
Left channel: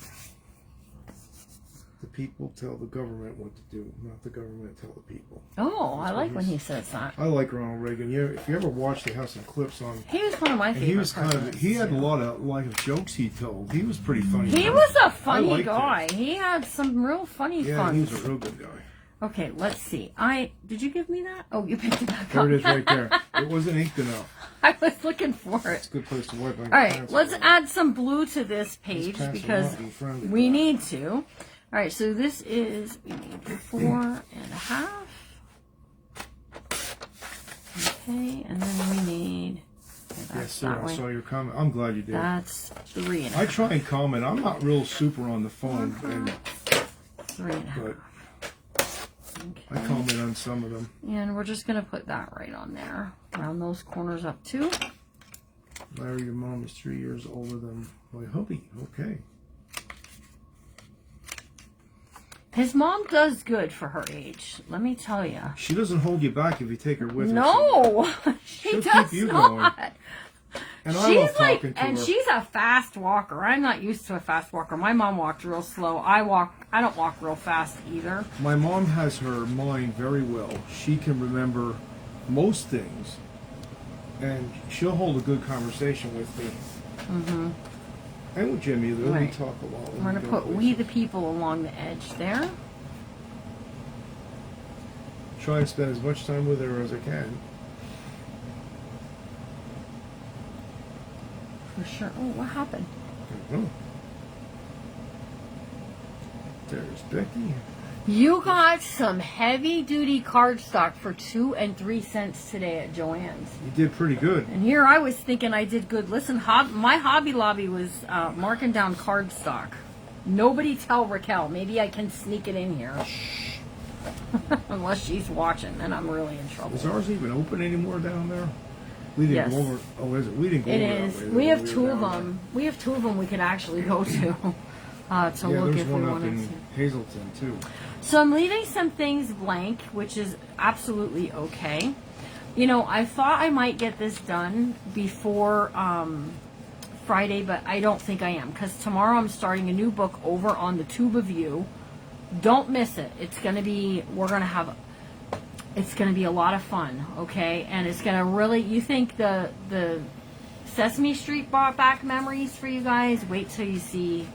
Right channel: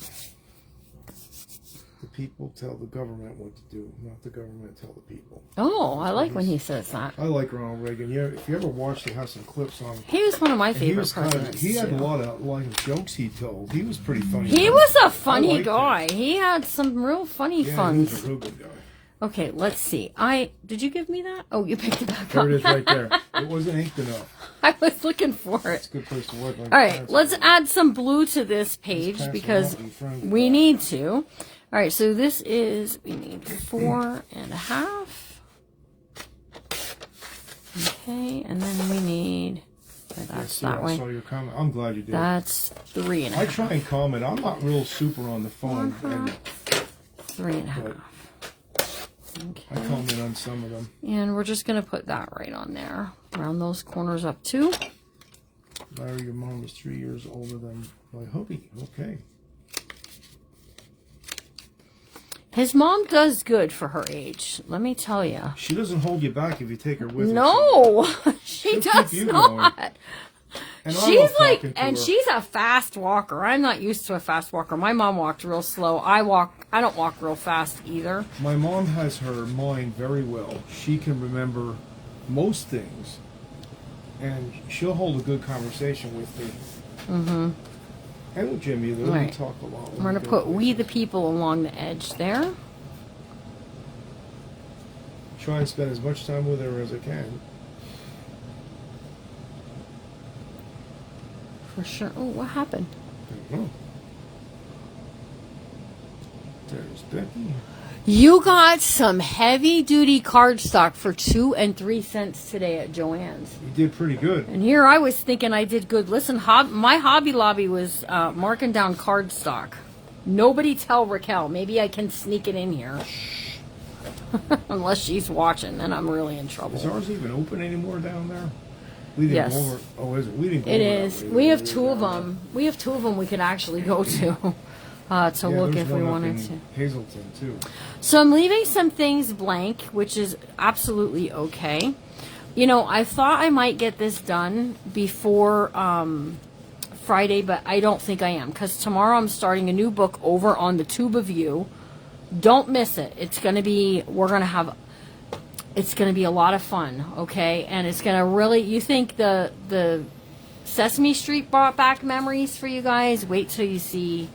The people tell the government what to do, not the government tell the people. Oh, I like when he says that. I like Ronald Reagan. Yeah, if you ever watch, they have some clips on. He was one of my favorite presidents. He had a lot of jokes he told. He was pretty funny. He was a funny guy. Him. He had some real funny fun. He was a real good guy. Okay, let's see. Did you give me that? Oh, you picked it back up. There it is right there. It wasn't inked enough. I was looking for it. It's a good place to wipe. All right, let's add some blue to this page because we need to. All right, so this is, we need 4.5. Okay, and then we need, that's that way. I saw your comment. I'm glad you did. That's 3.5. I try and comment. I'm not real super on the phone. 3.5. Okay. I comment on some of them. And we're just going to put that right on there. Round those corners up too. Larry, your mom is 3 years older than my hubby. Okay. His mom does good for her age. Let me tell you. She doesn't hold you back if you take her with her. No, she does not. And she's like, and she's a fast walker. I'm not used to a fast walker. My mom walked real slow. I don't walk real fast either. My mom has her mind very well. She can remember most things, and she'll hold a good conversation with me. Mm-hmm. And with Jimmy, though, we talk a lot. We're going to put "We the People" along the edge there. Try and spend as much time with her as I can. For sure. Oh, what happened? There's Becky. You got some heavy-duty cardstock for 2 and 3 cents today at Joann's. You did pretty good. And here I was thinking I did good. Listen, my Hobby Lobby was marking down cardstock. Nobody tell Raquel. Maybe I can sneak it in here. Unless she's watching, then I'm really in trouble. Is ours even open anymore down there? Yes. Is it? We didn't go It over is. that way. We have 2 of them. We have 2 of them we could actually go to. To look if we wanted to. Hazleton too. So I'm leaving some things blank, which is absolutely okay. You know, I thought I might get this done before Friday, but I don't think I am, because tomorrow I'm starting a new book over on the Tube of You. Don't miss it. It's going to be, it's going to be a lot of fun, okay? And it's going to really, you think the Sesame Street brought back memories for you guys? Wait till you see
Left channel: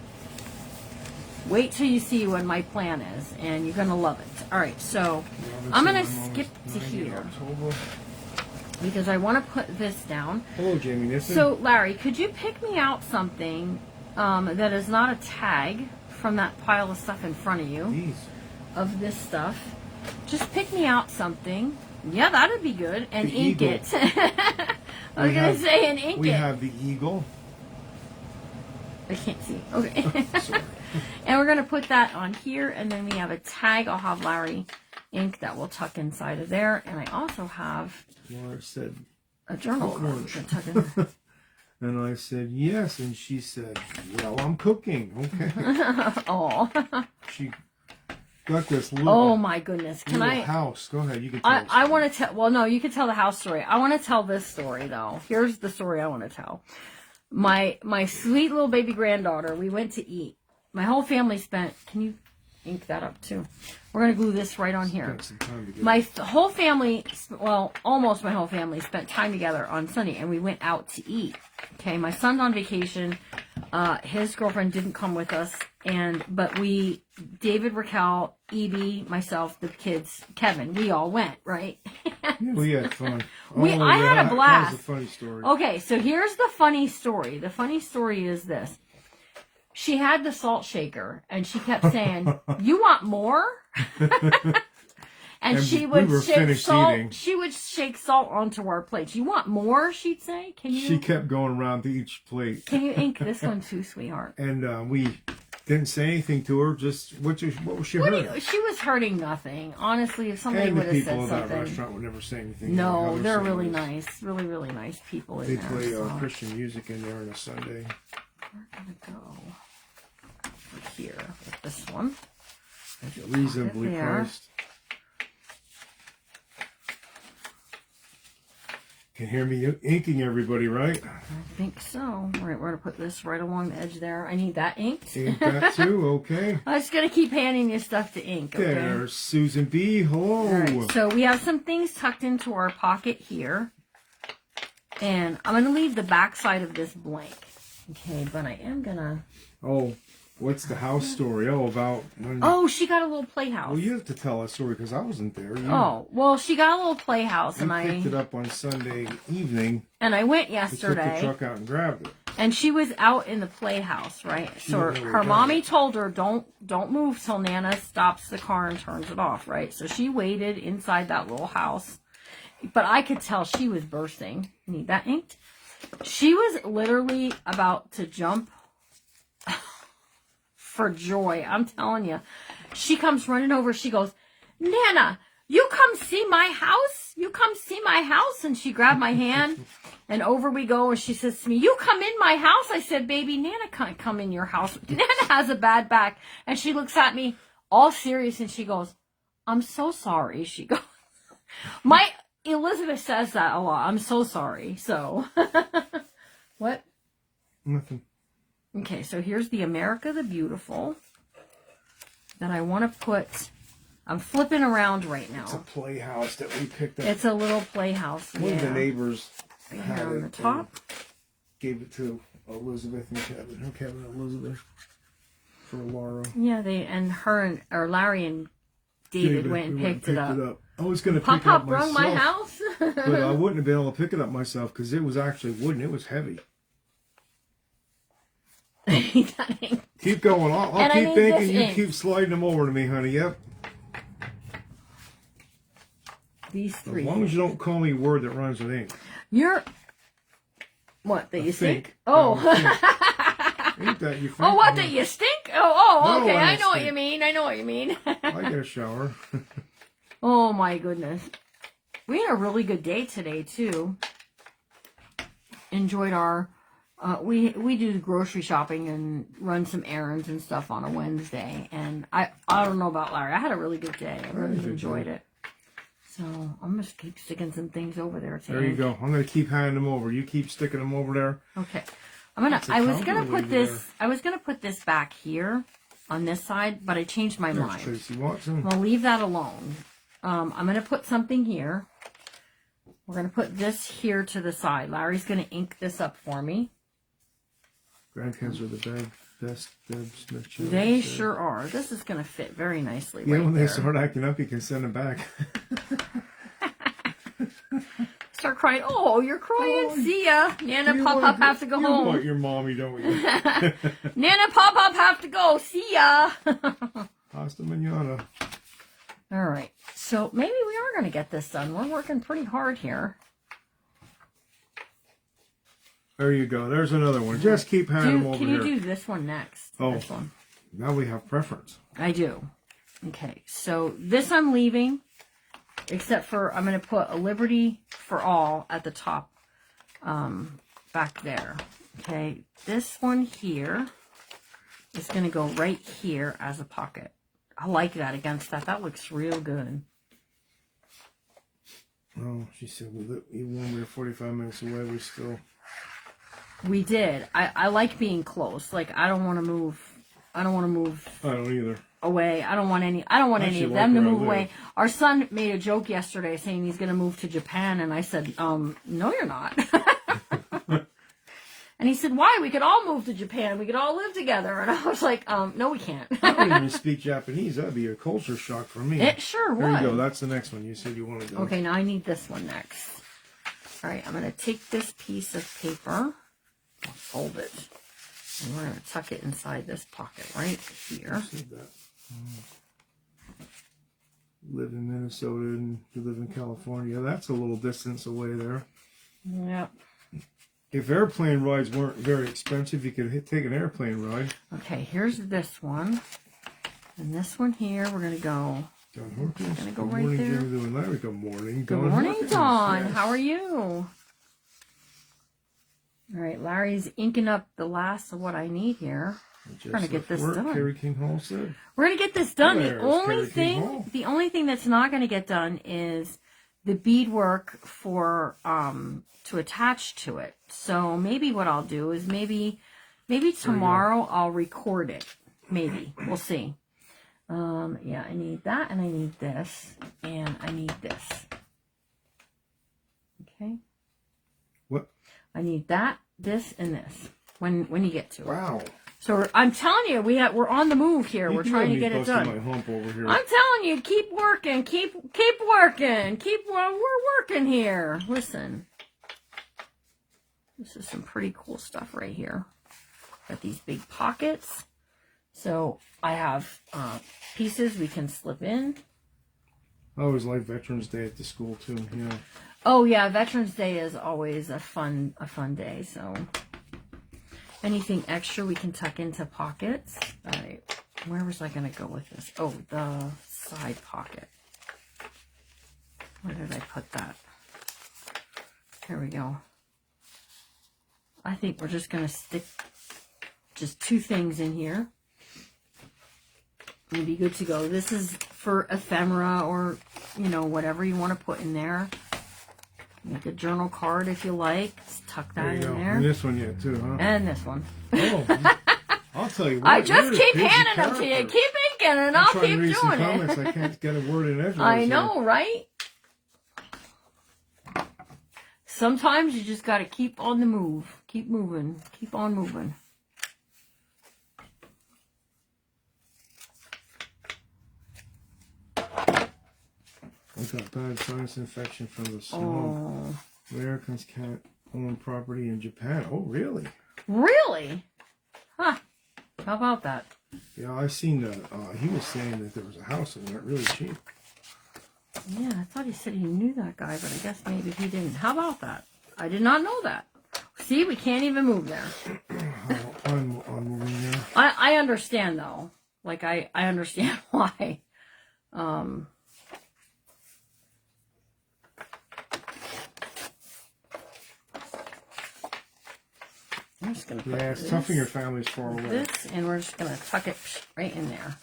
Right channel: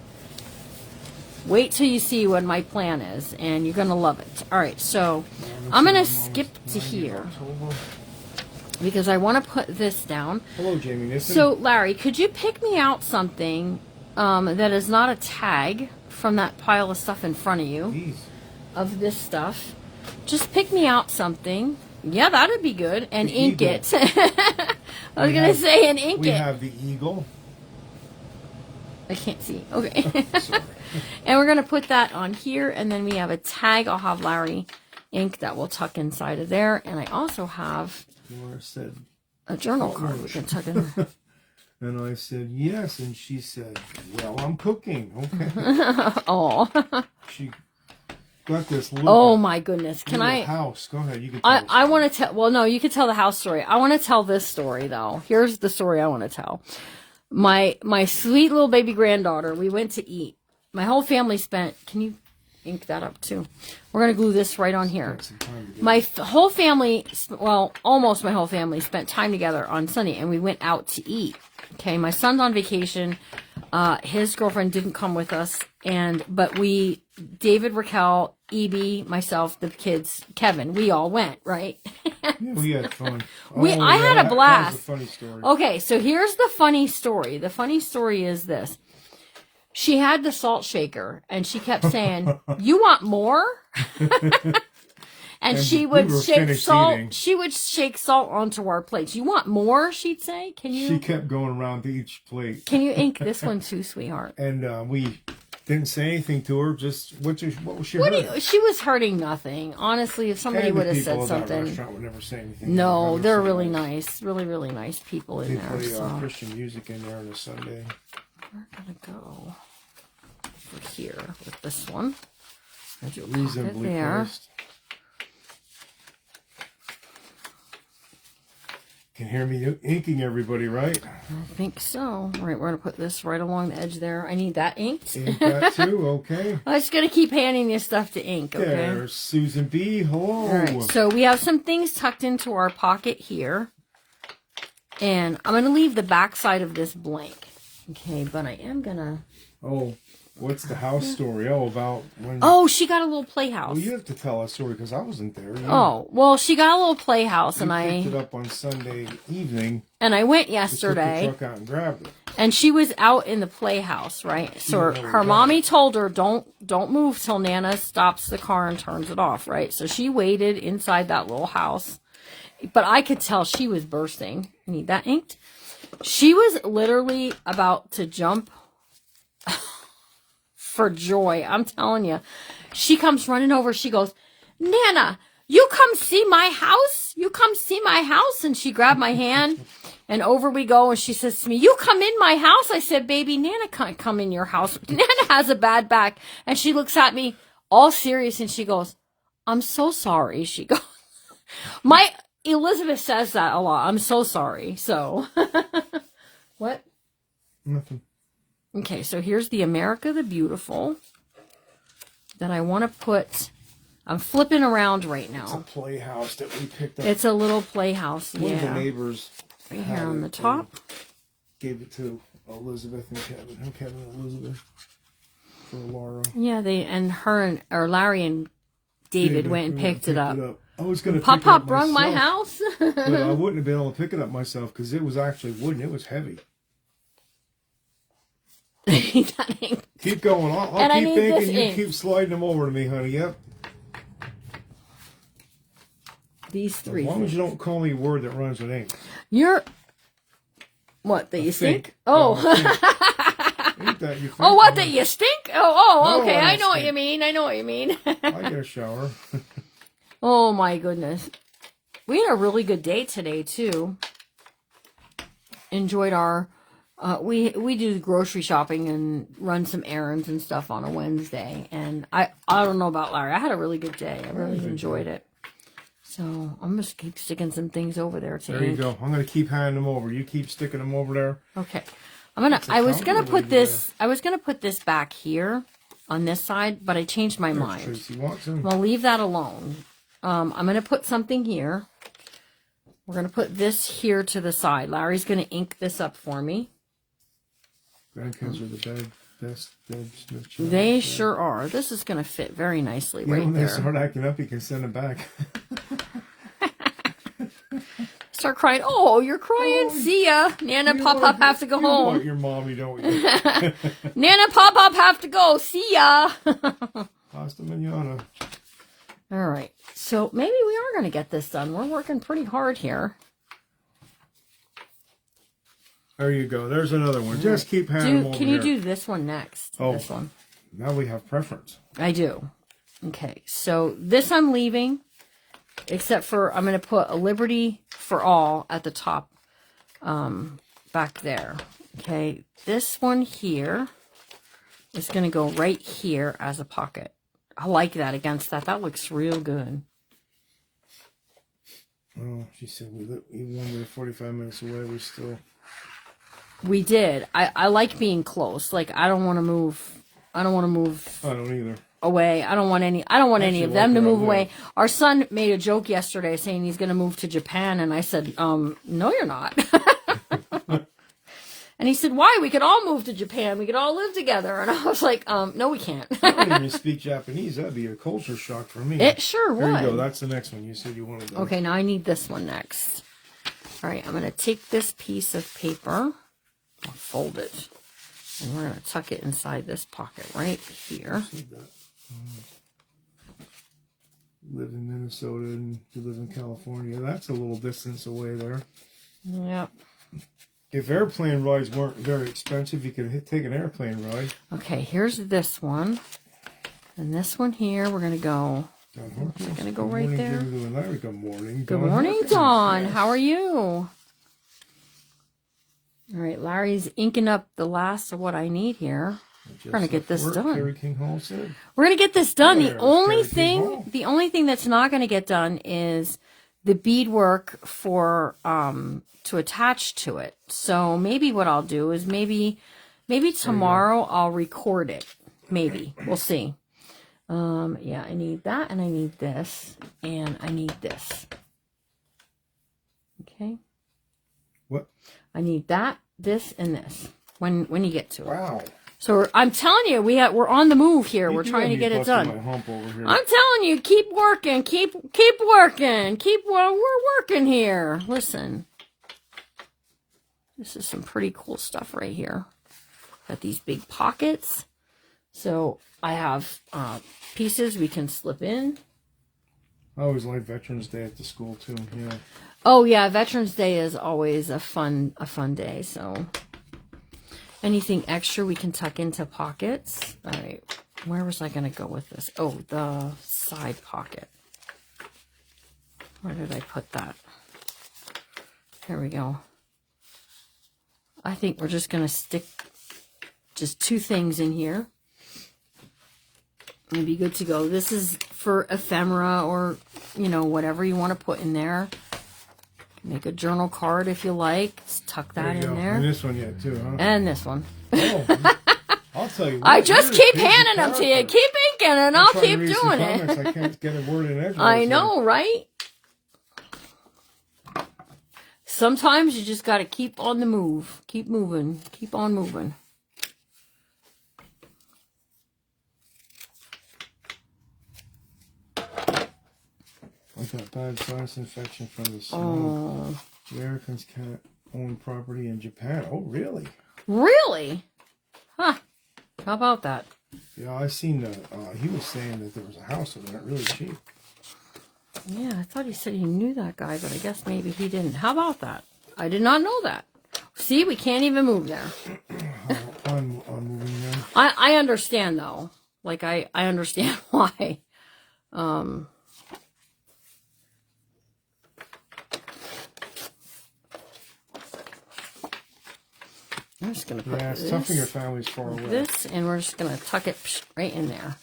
what my plan is, and you're going to love it. All right, so I'm going to skip to here because I want to put this down. Hello, Jamie. So, Larry, could you pick me out something that is not a tag from that pile of stuff in front of you? Jeez. Of this stuff. Just pick me out something. Yeah, that would be good. And the ink eagle. it. I was going to say, and ink it. We have the eagle. I can't see. Okay. And we're going to put that on here, and then we have a tag. I'll have Larry ink that will tuck inside of there. And I also have a journal card we can tuck in there. And I said, yes. And she said, well, I'm cooking. Okay. Oh. She got this little, oh, my goodness. Can I? House. Go ahead. You can tell I want to tell. Well, no, you can tell the house story. I want to tell this story, though. Here's the story I want to tell. My sweet little baby granddaughter, we went to eat. My whole family spent, can you ink that up too? We're going to glue this right on here. My whole family, well, almost my whole family spent time together on Sunday, and we went out to eat. Okay, my son's on vacation. His girlfriend didn't come with us, but David, Raquel, Evie, myself, the kids, Kevin, we all went, right? We had fun. I had a blast. That was a funny story. Okay, so here's the funny story. The funny story is this. She had the salt shaker, and she kept saying, "You want more?" and she would shake salt. Eating. She would shake salt onto our plates. "You want more?" She'd say. Can you? She kept going around to each plate. Can you ink this one too, sweetheart? And we didn't say anything to her. Just what was she hurting? She was hurting nothing. Honestly, if somebody would have said something. The restaurant would never say anything. No, they're really nice. Really, really nice people in there. They play Christian music in there on a Sunday. We're gonna go over here with this one. Reasonably priced. can hear me inking everybody, right? I think so. All right, we're going to put this right along the edge there. I need that inked. Ink that too, okay. I'm just going to keep handing you stuff to ink, okay? There's Susan B. Hello. All right, so we have some things tucked into our pocket here. And I'm going to leave the back side of this blank. Okay, but I am going to... Oh, what's the house story? Oh, about when... Oh, she got a little playhouse. Well, you have to tell a story because I wasn't there. Oh, well, she got a little playhouse, and I picked it up on Sunday evening. And I went Took yesterday. the truck out and grabbed it. And she was out in the playhouse, right? So her mommy told her, don't move till Nana stops the car and turns it off, right? So she waited inside that little house. But I could tell she was bursting. I need that inked. She was literally about to jump for joy. I'm telling you. She comes running over. She goes, Nana, you come see my house? You come see my house? And she grabbed my hand. And over we go. And she says to me, you come in my house? I said, baby, Nana can't come in your house. Nana has a bad back. And she looks at me all serious. And she goes, I'm so sorry. She goes, Elizabeth says that a lot. I'm so sorry. So, what? Nothing. Okay, so here's the America the Beautiful that I want to put. I'm flipping around right now. It's a playhouse that we picked up. It's a little playhouse. One of the neighbors right here on the top. Gave it to Elizabeth and Kevin. Her Kevin and Elizabeth for Laura. Yeah, Larry and David went and picked it up. I was going to pick it up myself. Pop rung my house. But I wouldn't have been able to pick it up myself because it was actually wooden. It was heavy. Keep going. I'll keep thinking. You keep sliding them over to me, honey. Yep. These three. As long as you don't call me a word that rhymes with ink. You're... What, that you stink? Oh. Oh, what, that you stink? Oh, okay. No, I know what you mean. I know what you mean. I get a shower. Oh, my goodness. We had a really good day today, too. Enjoyed our... we do grocery shopping and run some errands and stuff on a Wednesday. And I don't know about Larry. I had a really good day. I really enjoyed it. So I'm just keep sticking some things over there, too. There you go. I'm going to keep handing them over. You keep sticking them over there. Okay. I was gonna put this back here on this side, but I changed my mind. Tracy Watson. We'll leave that alone. I'm gonna put something here. We're gonna put this here to the side. Larry's gonna ink this up for me. Grandkids are the best Smith. They sure are. This is gonna fit very nicely right when there. they start acting up, you can send them back. Start crying. Oh, you're crying. See ya. Nana, Pop have to go home. You want your mommy, don't you? Nana, Pop have to go. See ya. Hasta mañana. All right. So maybe we are going to get this done. We're working pretty hard here. There you go. There's another one. Just keep handing them over. Can you do this one next? Oh, this one. Now we have preference. I do. Okay. So this I'm leaving. Except for, I'm going to put a Liberty for All at the top, back there. Okay, this one here is going to go right here as a pocket. I like that against that. That looks real good. Oh, she said even when we were 45 minutes away, We did. I like being close. Like, I don't want to move. I don't either. Away. I don't want any of them to move away. Our son made a joke yesterday saying he's going to move to Japan, and I said, no, you're not. And he said, why? We could all move to Japan. We could all live together. And I was like, no, we can't. I don't even speak Japanese. That'd be a culture shock for me. It sure would. There you go. That's the next one. You said you wanted to go. Okay, now I need this one next. All right, I'm going to take this piece of paper, I'll fold it, and we're going to tuck it inside this pocket right here. Live in Minnesota and you live in California. That's a little distance away there. Yep. If airplane rides weren't very expensive, you could take an airplane ride. Okay, here's this one. And this one here, we're going to go... We're going to go right there. Good morning. Good morning, Dawn. How are you? All right, Larry's inking up the last of what I need here. We're going to get this done. We're going to get this done. The only thing that's not going to get done is the beadwork for to attach to it. So maybe what I'll do is maybe tomorrow I'll record it. Maybe. We'll see. Yeah, I need that, and I need this, and I need this. Okay. What? I need that, this, and this when you get to it. Wow. So I'm telling you, we're on the move here. We're trying to get it done. My hump over here. I'm telling you, keep working, keep working, we're working here. Listen, this is some pretty cool stuff right here. Got these big pockets. So I have pieces we can slip in. I always like Veterans Day at the school too. Yeah. Oh yeah, Veterans Day is always a fun day. So anything extra we can tuck into pockets. All right, where was I going to go with this? Oh, the side pocket. Where did I put that? Here we go. I think we're just going to stick just 2 things in here. You'd be good to go. This is for ephemera or, you know, whatever you want to put in there. Make a journal card if you like. Just tuck that in there. And this one yet too, huh? And this one. Oh, I'll tell you what. I just keep handing them to you. Keep inking and I'll keep doing it. I can't get a word in edgewise. I know, right? Sometimes you just got to keep on the move. Keep moving. Keep on moving. I got bad sinus infection from the smoke. Oh. Americans can't own property in Japan. Oh, really? Really? Huh. How about that? Yeah, I seen that. He was saying that there was a house that went really cheap. Yeah, I thought he said he knew that guy, but I guess maybe he didn't. How about that? I did not know that. See, we can't even move there. I'm moving there. I understand, though. Like, I understand why. I'm just gonna put it's tough when your family's far away. This, and we're just gonna tuck it right in there.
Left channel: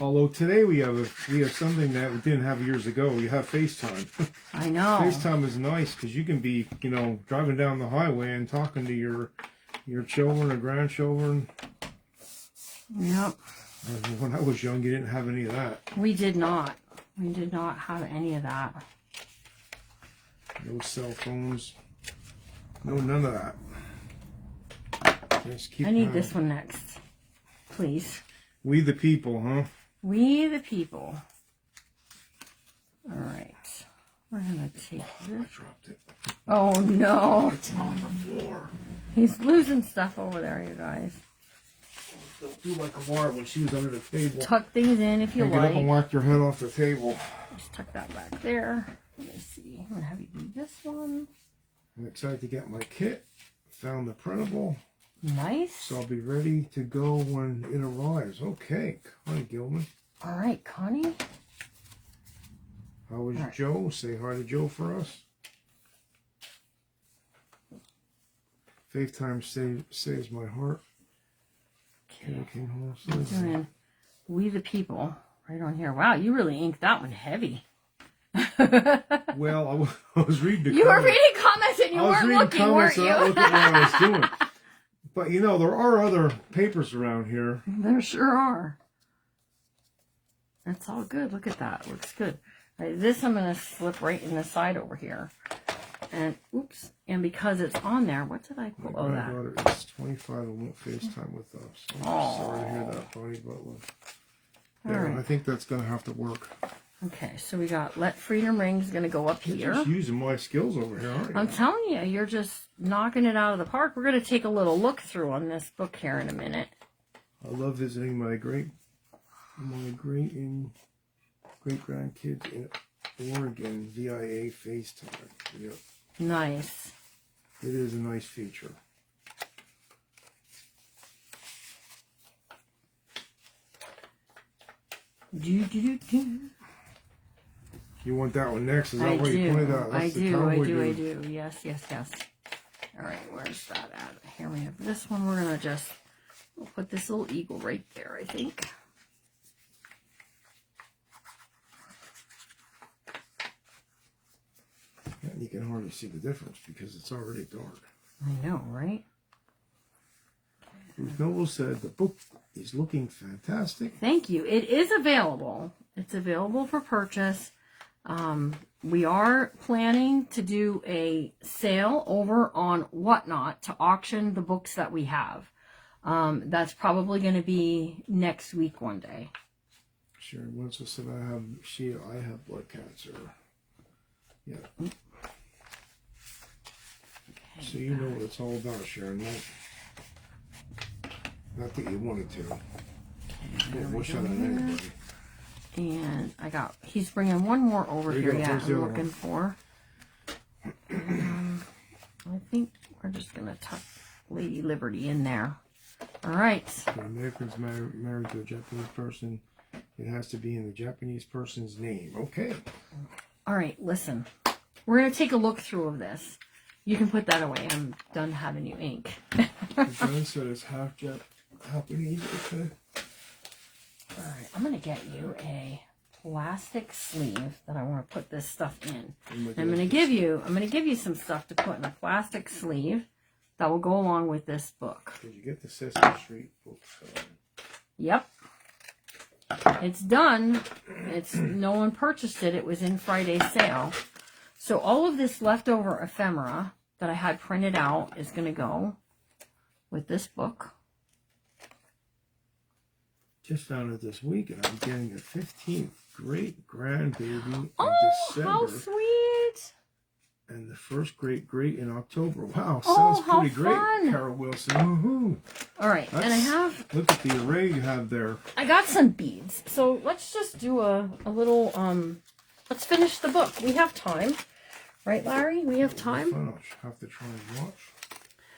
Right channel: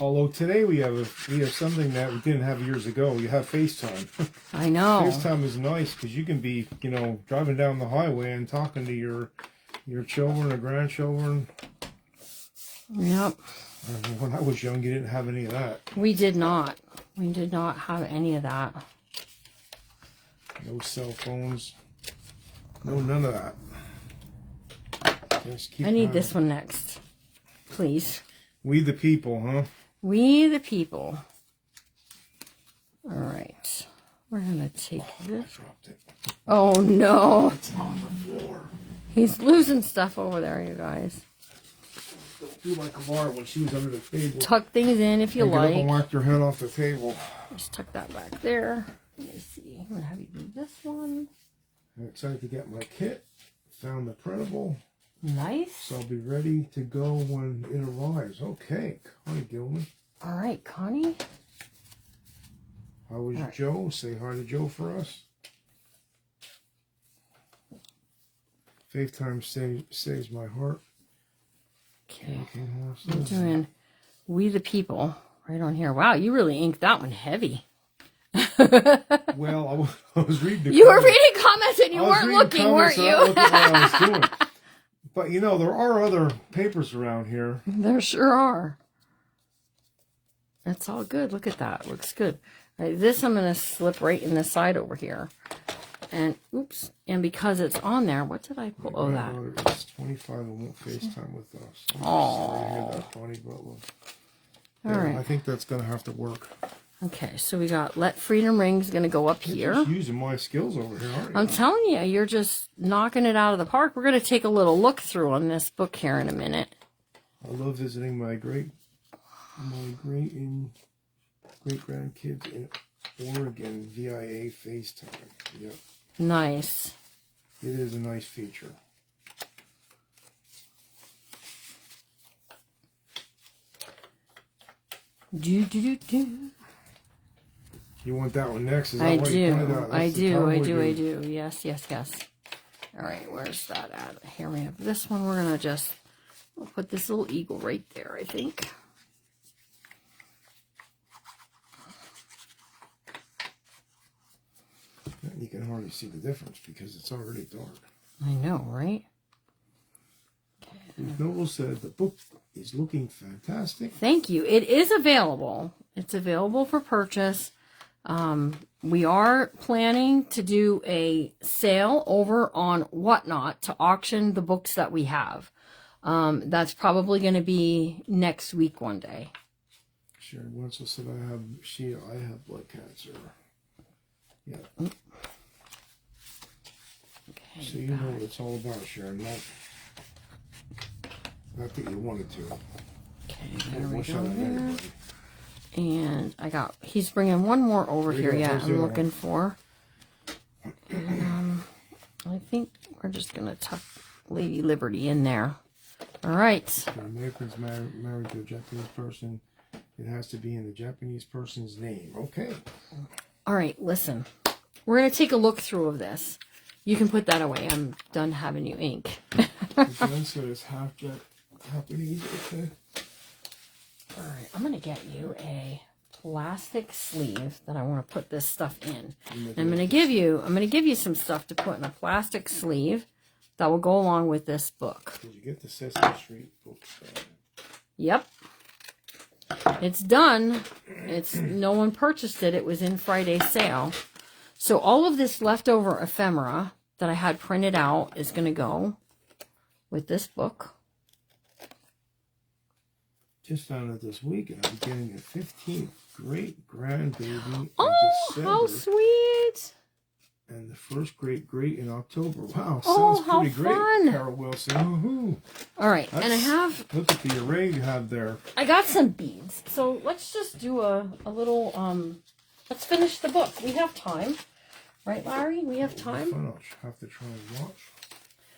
Although today we have something that we didn't have years ago. We have FaceTime. I know. FaceTime is nice because you can be, you know, driving down the highway and talking to your children or grandchildren. Yep. When I was young, you didn't have any of that. We did not. We did not have any of that. No cell phones. No, none of that. Just keep I need this one next, please. We the people, huh? We the people. All right. We're going to take this. I dropped it. Oh, no. It's on the floor. He's losing stuff over there, you guys. Don't do like Amara when she was under the table. Tuck things in if you Get like. up and whack your head off the table. Just tuck that back there. Let me see. I'm going to have you do this one. I'm excited to get my kit. Found the printable. Nice. So I'll be ready to go when it arrives. Okay, Connie Gilman. All right, Connie. How was Joe? Say hi to Joe for us. FaceTime saves my heart. Okay. I'm doing We the People right on here. Wow, you really inked that one heavy. Well, I was reading the You were reading comments and you weren't looking, weren't you? I looked at what I was doing. But, you know, there are other papers around here. There sure are. That's all good. Look at that. Looks good. All right, this I'm going to slip right in the side over here. And, oops. And because it's on there, what did I pull? Oh, that. My daughter is 25 and won't FaceTime with us. I'm sorry to hear that, Bonnie Butler. All right. I think that's going to have to work. Okay, so we got Let Freedom Ring's going to go up here. You're just using my skills over here, aren't you? I'm telling you, you're just knocking it out of the park. We're going to take a little look through on this book here in a minute. I love visiting my great grandkids in Oregon via FaceTime. Yep. Nice. It is a nice feature. Do. You want that one next? Is that I why you pointed out? I do. Yes. All right, where's that at? Here we have this one. We're going to we'll put this little eagle right there, I think. And you can hardly see the difference because it's already dark. I know, right? Bruce Noble said the book is looking fantastic. Thank you. It is available. It's available for purchase. We are planning to do a sale over on Whatnot to auction the books that we have. That's probably going to be next week one day. Sharon Winslow said I have blood cancer. Yeah. Okay. So you know what it's all about, Sharon. Not that you wanted to. Okay, Wish I had anybody. And he's bringing one more over here. Yeah, I'm looking for. And, I think we're just going to tuck Lady Liberty in there. All right. So Americans married to a Japanese person. It has to be in the Japanese person's name. Okay. All right, listen. We're going to take a look through of this. You can put that away. I'm done having you ink. John said it's half Japanese. Okay. All right, I'm going to get you a plastic sleeve that I want to put this stuff in. I'm going to give you some stuff to put in a plastic sleeve that will go along with this book. Did you get the Sesame Street book? Yep. It's done. No one purchased it. It was in Friday's sale. So all of this leftover ephemera that I had printed out is going to go with this book. Just found it this week, and I'm getting the 15th great grandbaby in December. How sweet! And the first great in October. Wow, Oh, sounds pretty great, fun. Carol Wilson. Woohoo! All right, and I have... Look at the array you have there. I got some beads. So let's just do a little... let's finish the book. We have time. Right, Larry? We have time? I'll have to try and watch.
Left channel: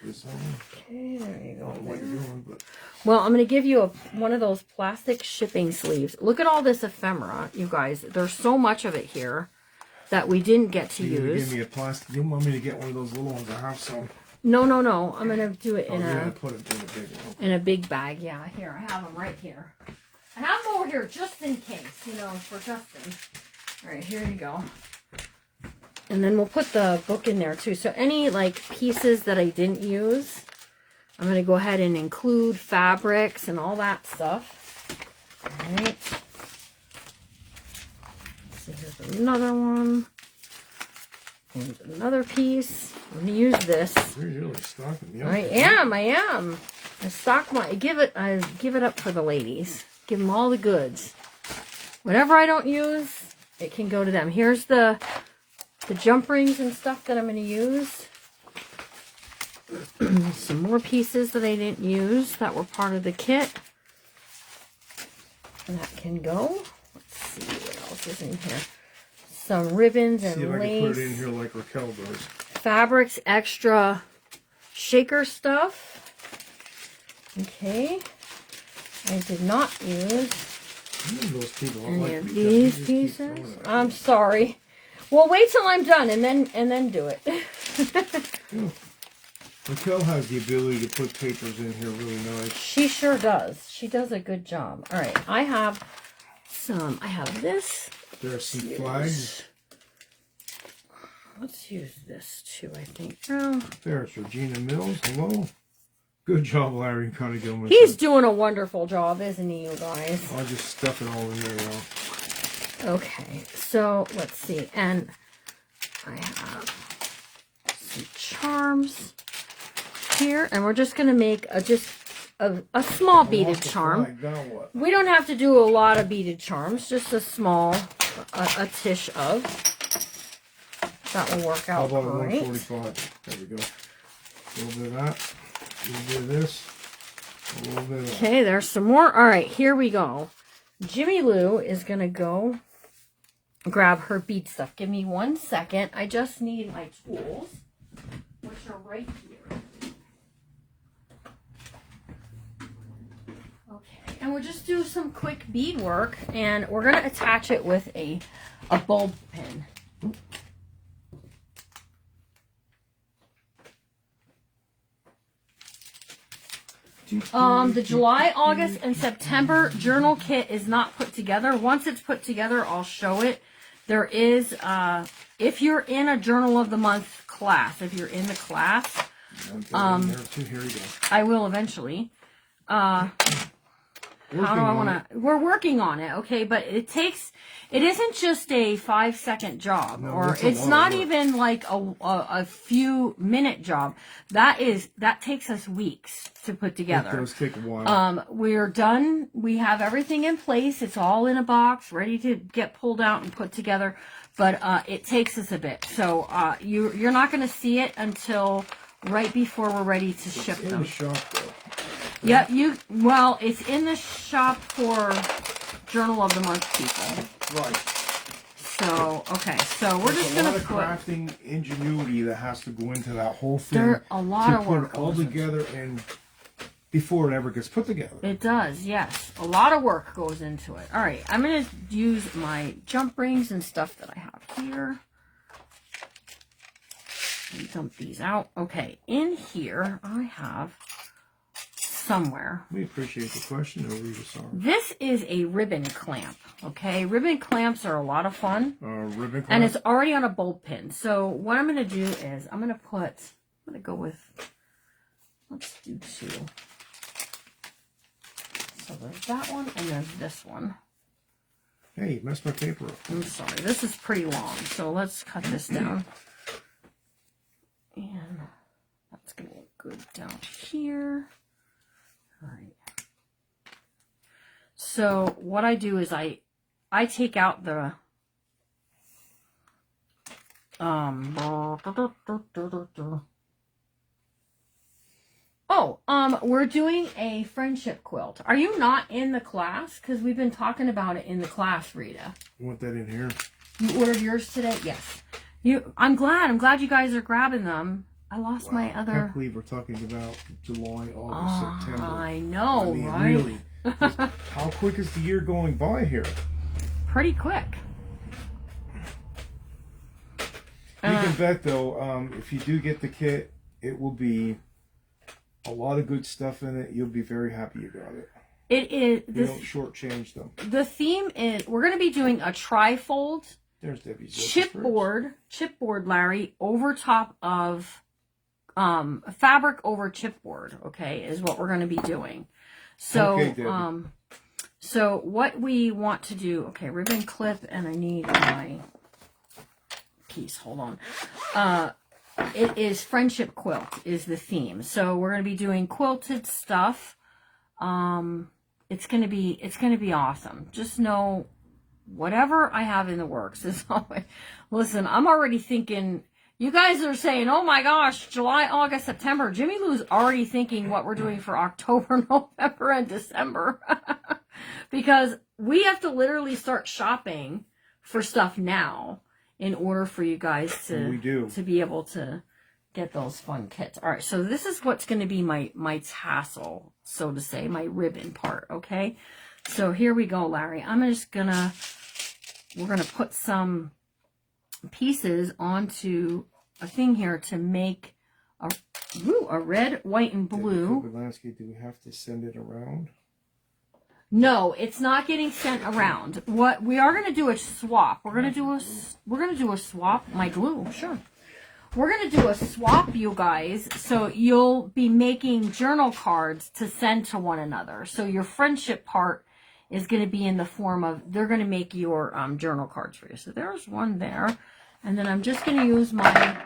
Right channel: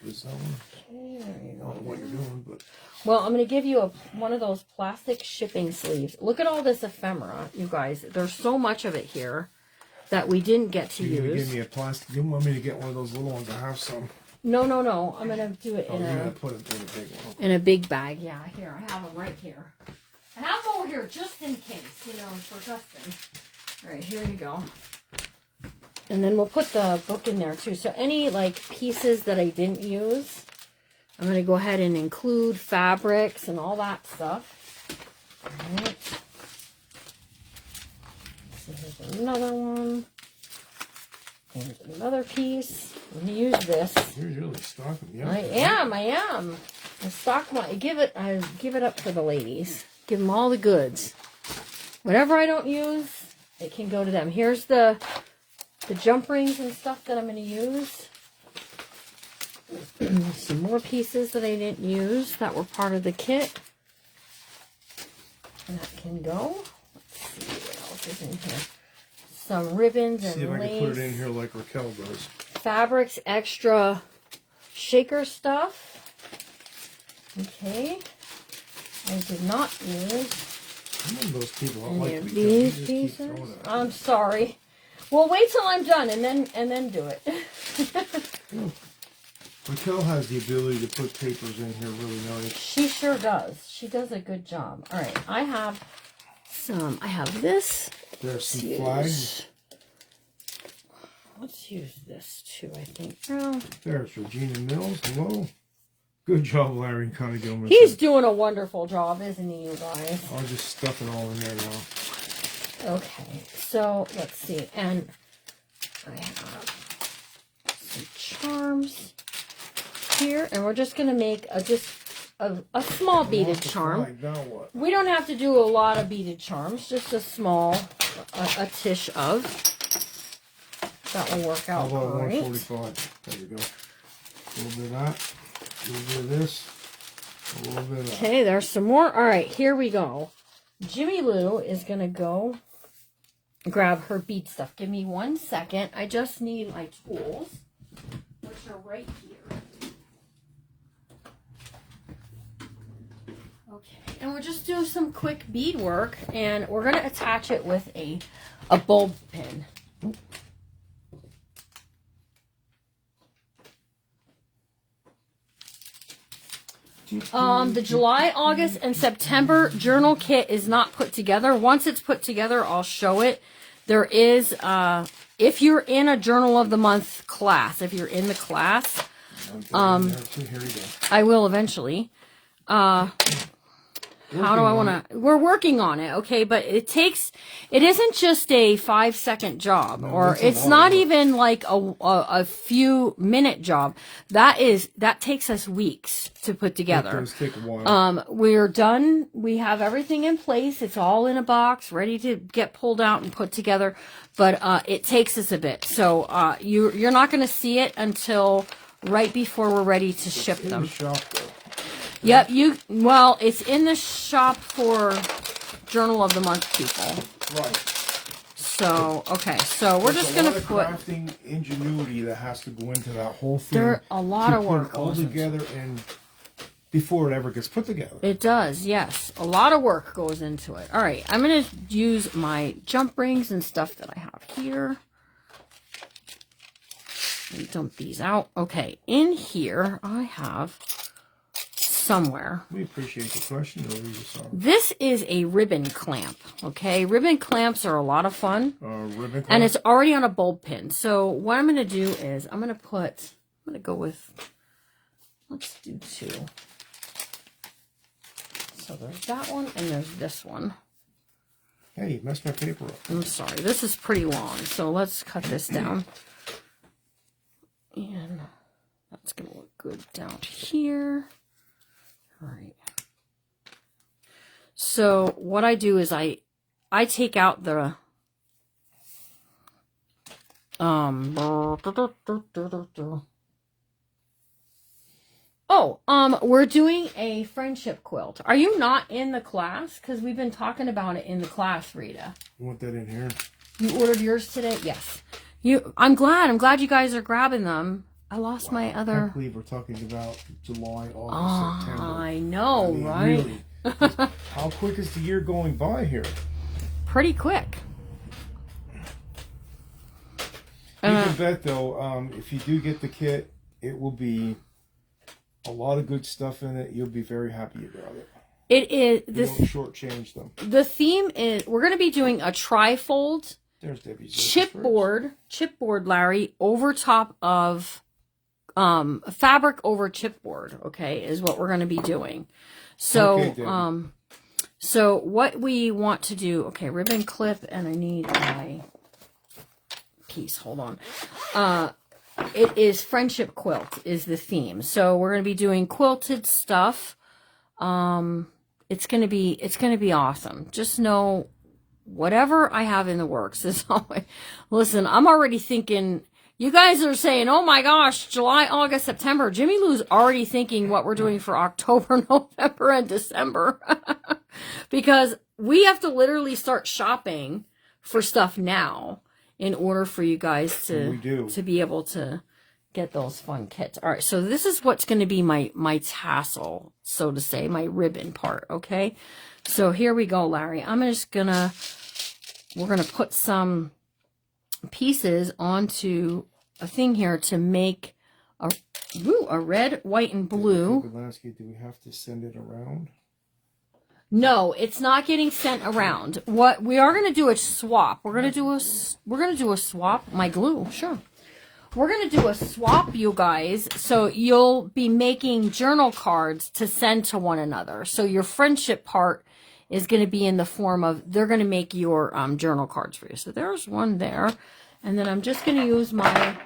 Okay, there you go. What you're doing, but... Well, I'm going to give you one of those plastic shipping sleeves. Look at all this ephemera, you guys. There's so much of it here that we didn't get to use. Give me a plastic. You want me to get one of those little ones? I have some. No. I'm going to do it in a put it in a big one. in a big bag. Yeah, here. I have them right here. I have them over here just in case, for Justin. All right, here you go. And then we'll put the book in there too. So any pieces that I didn't use, I'm going to go ahead and include fabrics and all that stuff. All right. So here's another one. Here's another piece. I'm going to use this. You're really stocking me up. I am. I give it up for the ladies. Give them all the goods. Whatever I don't use, it can go to them. Here's the jump rings and stuff that I'm going to use. Some more pieces that I didn't use that were part of the kit. And that can go. Let's see what else is in here. Some ribbons and See if I lace. can put it in here like Raquel does. Fabrics, extra shaker stuff. Okay. I did not use Those people any of these pieces. I'm sorry. Well, wait till I'm done and then do it. Raquel has the ability to put papers in here really nice. She sure does. She does a good job. All right, I have this. There's some flags. Let's use this too, I think. Oh. There's Regina Mills. Hello. Good job, Larry and Connie Gilman. He's doing a wonderful job, isn't he, you guys? I'll just stuff it all in there now. Okay, so let's see. And I have some charms here, and we're just going to make a small beaded charm. Now what? We don't have to do a lot of beaded charms, just a small, a tish of. That will work out great. 145. There we go. A little bit of that. A little bit of this. A little bit of that. Okay, there's some more. All right, here we go. Jimmy Lou is going to go grab her bead stuff. Give me 1 second. I just need my tools, which are right here. Okay, and we'll just do some quick bead work, and we're going to attach it with a bulb pin. The July, August, and September journal kit is not put together. Once it's put together, I'll show it. There is, if you're in a Journal of the Month class, if you're in the class, here we go. I will eventually. How do I want to? We're working on it, okay? But it isn't just a 5-second job, or it's not even like a few minute job. That takes us weeks to put together. It does take a while. We're done. We have everything in place. It's all in a box, ready to get pulled out and put together. But it takes us a bit. So you're not going to see it until right before we're ready to ship them. Yep, well, it's in the shop for Journal of the Month people. Right. So, okay, so we're just going to put... crafting ingenuity that has to go into that whole thing. There's a lot of work. To put it all together and before it ever gets put together. It does, yes. A lot of work goes into it. All right, I'm going to use my jump rings and stuff that I have here. Let me dump these out. Okay, in here I have... somewhere. We appreciate the question. This is a ribbon clamp. Okay, ribbon clamps are a lot of fun. Ribbon clamp? And it's already on a bulb pin. So what I'm going to do is I'm going to go with, let's do 2. So there's that one and there's this one. Hey, you messed my paper up. I'm sorry. This is pretty long. So let's cut this down. And that's going to look good down here. All right. So what I do is I take out the we're doing a friendship quilt. Are you not in the class? Because we've been talking about it in the class, Rita. You want that in here? You ordered yours today? Yes. I'm glad you guys are grabbing them. I lost my other... I can't believe we're talking about July, August, September. I know, right? Really. How quick is the year going by here? Pretty quick. You can bet, though, if you do get the kit, it will be a lot of good stuff in it. You'll be very happy you got it. It is... You don't shortchange them. The theme is... We're going to be doing a tri-fold There's Debbie's chipboard, Larry, over top of... fabric over chipboard, okay, is what we're going to be doing. So, okay, so what we want to do, okay, ribbon clip, and I need my piece, hold on. It is friendship quilt is the theme. So we're going to be doing quilted stuff. It's going to be awesome. Just know whatever I have in the works is always, listen, I'm already thinking. You guys are saying, oh my gosh, July, August, September. Jimmy Lou's already thinking what we're doing for October, November, and December. Because we have to literally start shopping for stuff now in order for you guys to be able to get those fun kits. All right, so this is what's going to be my tassel, so to say, my ribbon part, okay? So here we go, Larry. We're going to put some pieces onto a thing here to make a red, white, and blue. Do we have to send it around? No, it's not getting sent around. What we are going to do a swap. We're going to do a swap. My glue, sure. We're going to do a swap, you guys. So you'll be making journal cards to send to one another. So your friendship part is going to be in the form of, they're going to make your journal cards for you. So there's one there. And then I'm just going to use my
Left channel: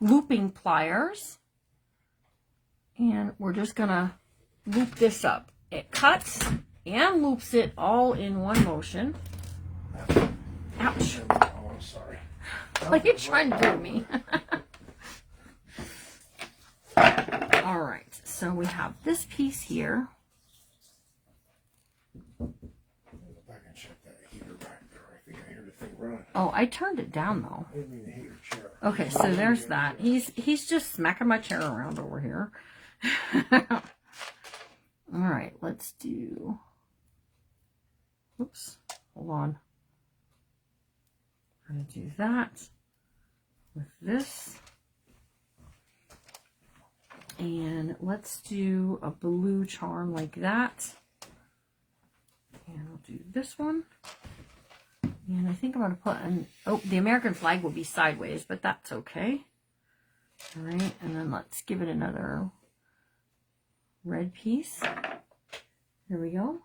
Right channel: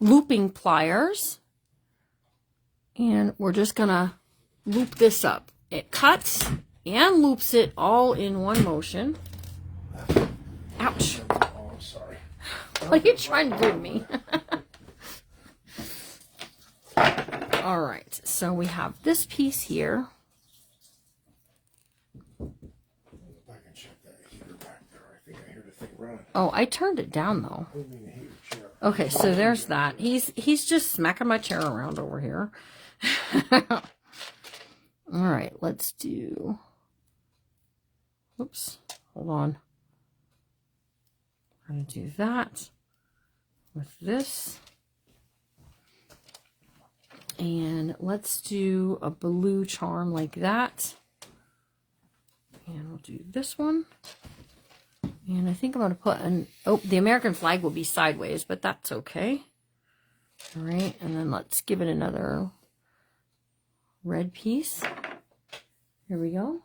looping pliers. And we're just going to loop this up. It cuts and loops it all in one motion. Ouch. Oh, I'm sorry. What are you trying to do to me? All right. So we have this piece here. Oh, I turned it down though. Okay, so there's that. He's just smacking my chair around over here. All right, let's do. Oops, hold on. I'm gonna do that with this, and let's do a blue charm like that. And we'll do this one. And I think I'm going to put an, oh, the American flag will be sideways, but that's okay. All right, and then let's give it another red piece. Here we go.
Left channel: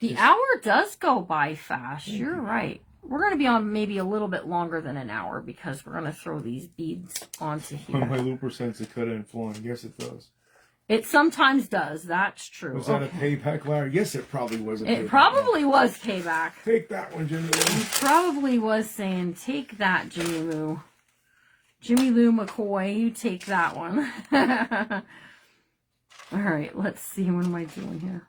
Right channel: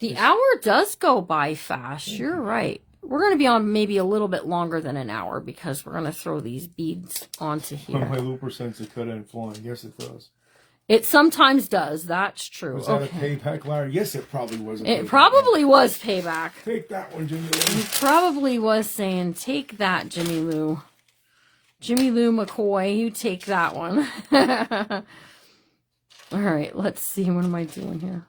The hour does go by fast. You're right. We're going to be on maybe a little bit longer than an hour because we're going to throw these beads onto here. My looper sense it could end flowing. Yes, it does. It sometimes does. That's true. Was that a payback, Larry? Yes, it probably was a payback. It probably was payback. Take that one, Jimmy Lou. He probably was saying, take that, Jimmy Lou. Jimmy Lou McCoy, you take that one. All right, let's see. What am I doing here?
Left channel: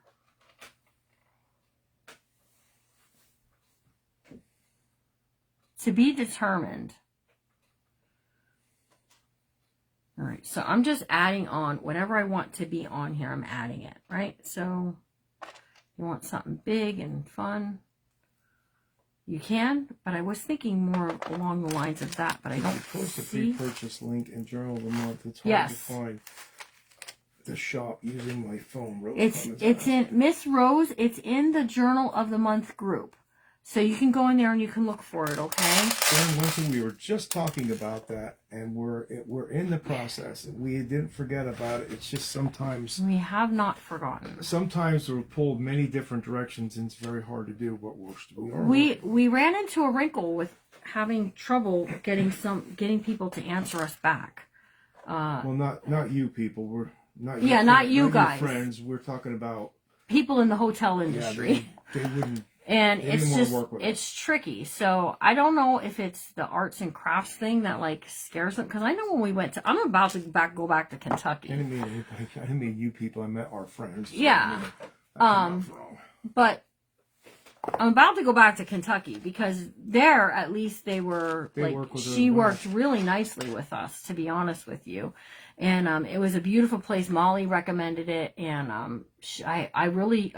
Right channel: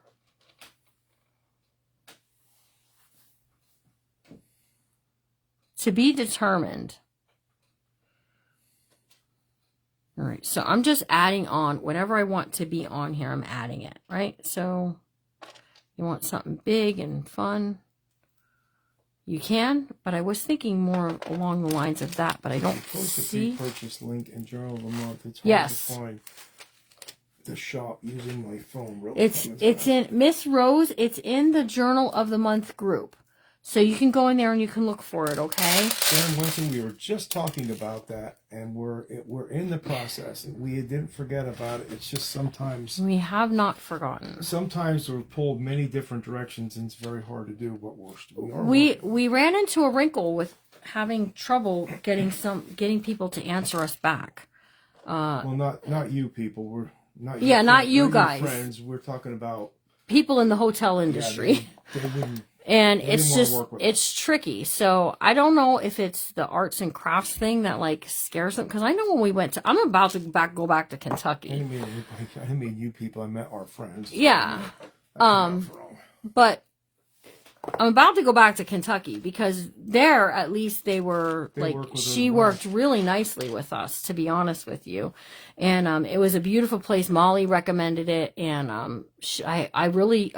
To be determined. All right, so I'm just adding on whatever I want to be on here. I'm adding it, right? So you want something big and fun. You can, but I was thinking more along the lines of that, but I don't see. The pre-purchase link in Journal of the Month. It's hard Yes. to find the shop using my phone. It's in Miss Rose. It's in the Journal of the Month group, so you can go in there and you can look for it. Okay. And one thing, we were just talking about that, and we're in the process. We didn't forget about it. It's just sometimes we have not forgotten. Sometimes we're pulled many different directions, and it's very hard to do. But we ran into a wrinkle with having trouble getting people to answer us back. Well, not you people. We're not. Yeah, not you guys. Friends. We're talking about people in the hotel industry. Yeah, they wouldn't. And it's tricky. So I don't know if it's the arts and crafts thing that like scares them. Because I know when we went to, I'm about to go back to Kentucky. I didn't mean you people. I met our friends. Yeah. But I'm about to go back to Kentucky because there at least they worked really nicely with us, to be honest with you. And it was a beautiful place. Molly recommended it, and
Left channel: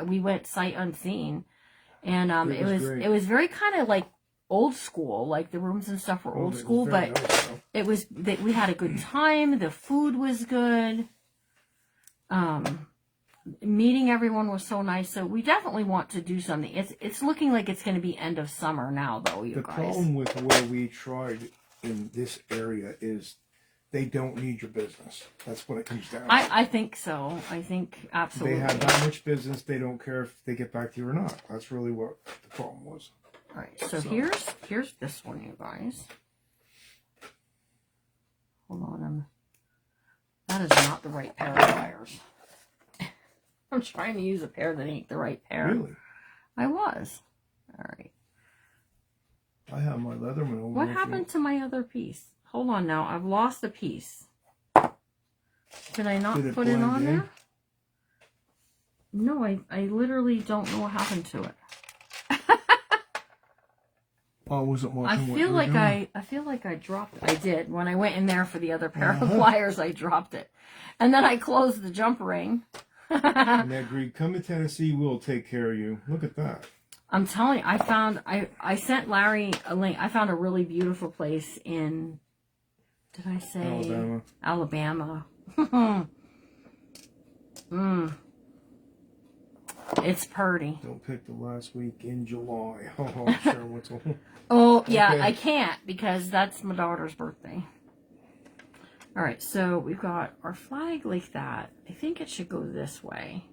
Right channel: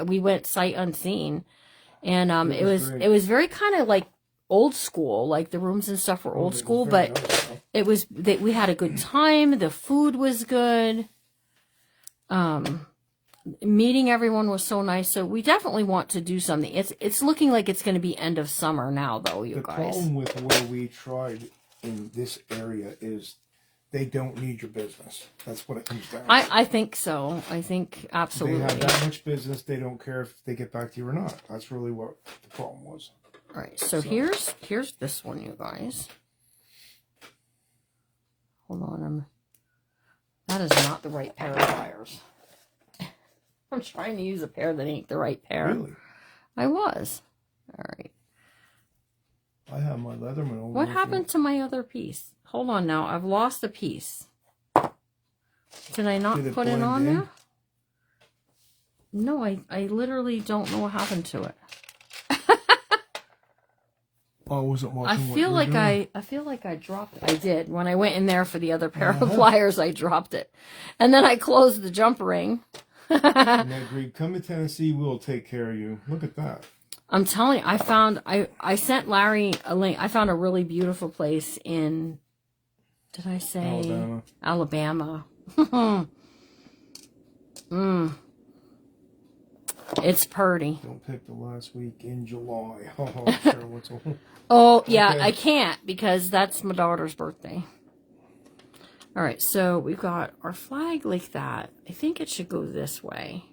we went sight unseen. And it was very kind of like old school, like the rooms and stuff were old school, but nice, we had a good time. The food was good. Meeting everyone was so nice. So we definitely want to do something. It's looking like it's going to be end of summer now, though, you guys. The problem with where we tried in this area is they don't need your business. That's what it comes down to. I think so. I think absolutely. They have that much business. They don't care if they get back to you or not. That's really what the problem was. All right. So here's this one, you guys. Hold on. That is not the right pair of pliers. I'm trying to use a pair that ain't the right pair. Really? I was. All right. I have my Leatherman over. What happened to my other piece? Hold on now. I've lost a piece. Did I not put it on there? No, I literally don't know what happened to it. I wasn't watching. I feel like I dropped it. I did. When I went in there for the other pair of pliers, I dropped it. And then I closed the jump ring. And I agreed, come to Tennessee, we'll take care of you. Look at that. I'm telling you, I sent Larry a link. I found a really beautiful place in, did I say? Alabama. It's pretty. Don't pick the last week in July. Oh, yeah, okay. I can't because that's my daughter's birthday. All right, so we've got our flag like that. I think it should go this way.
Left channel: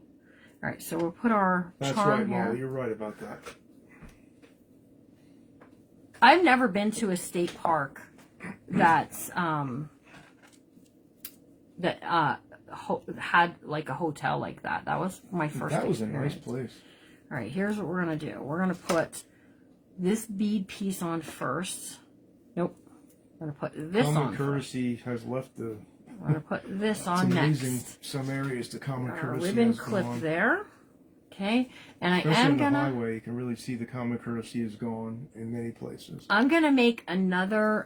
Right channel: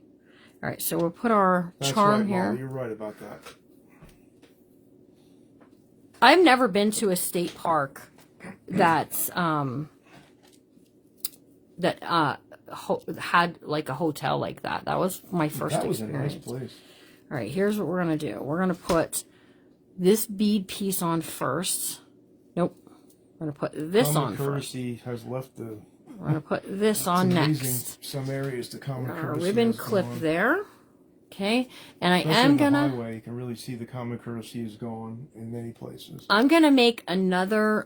All right, so we'll put our charm here. Molly, you're right about that. I've never been to a state park that's had like a hotel like that. That was my first experience. That was a nice place. All right, here's what we're gonna do. We're gonna put this bead piece on first. Nope. We're gonna put this on first. Common courtesy has left the. We're gonna put this on next. Some areas the common courtesy. Ribbon clip there. Okay, and especially I am on the highway, you can really see the common courtesy is gone in many places. I'm gonna make another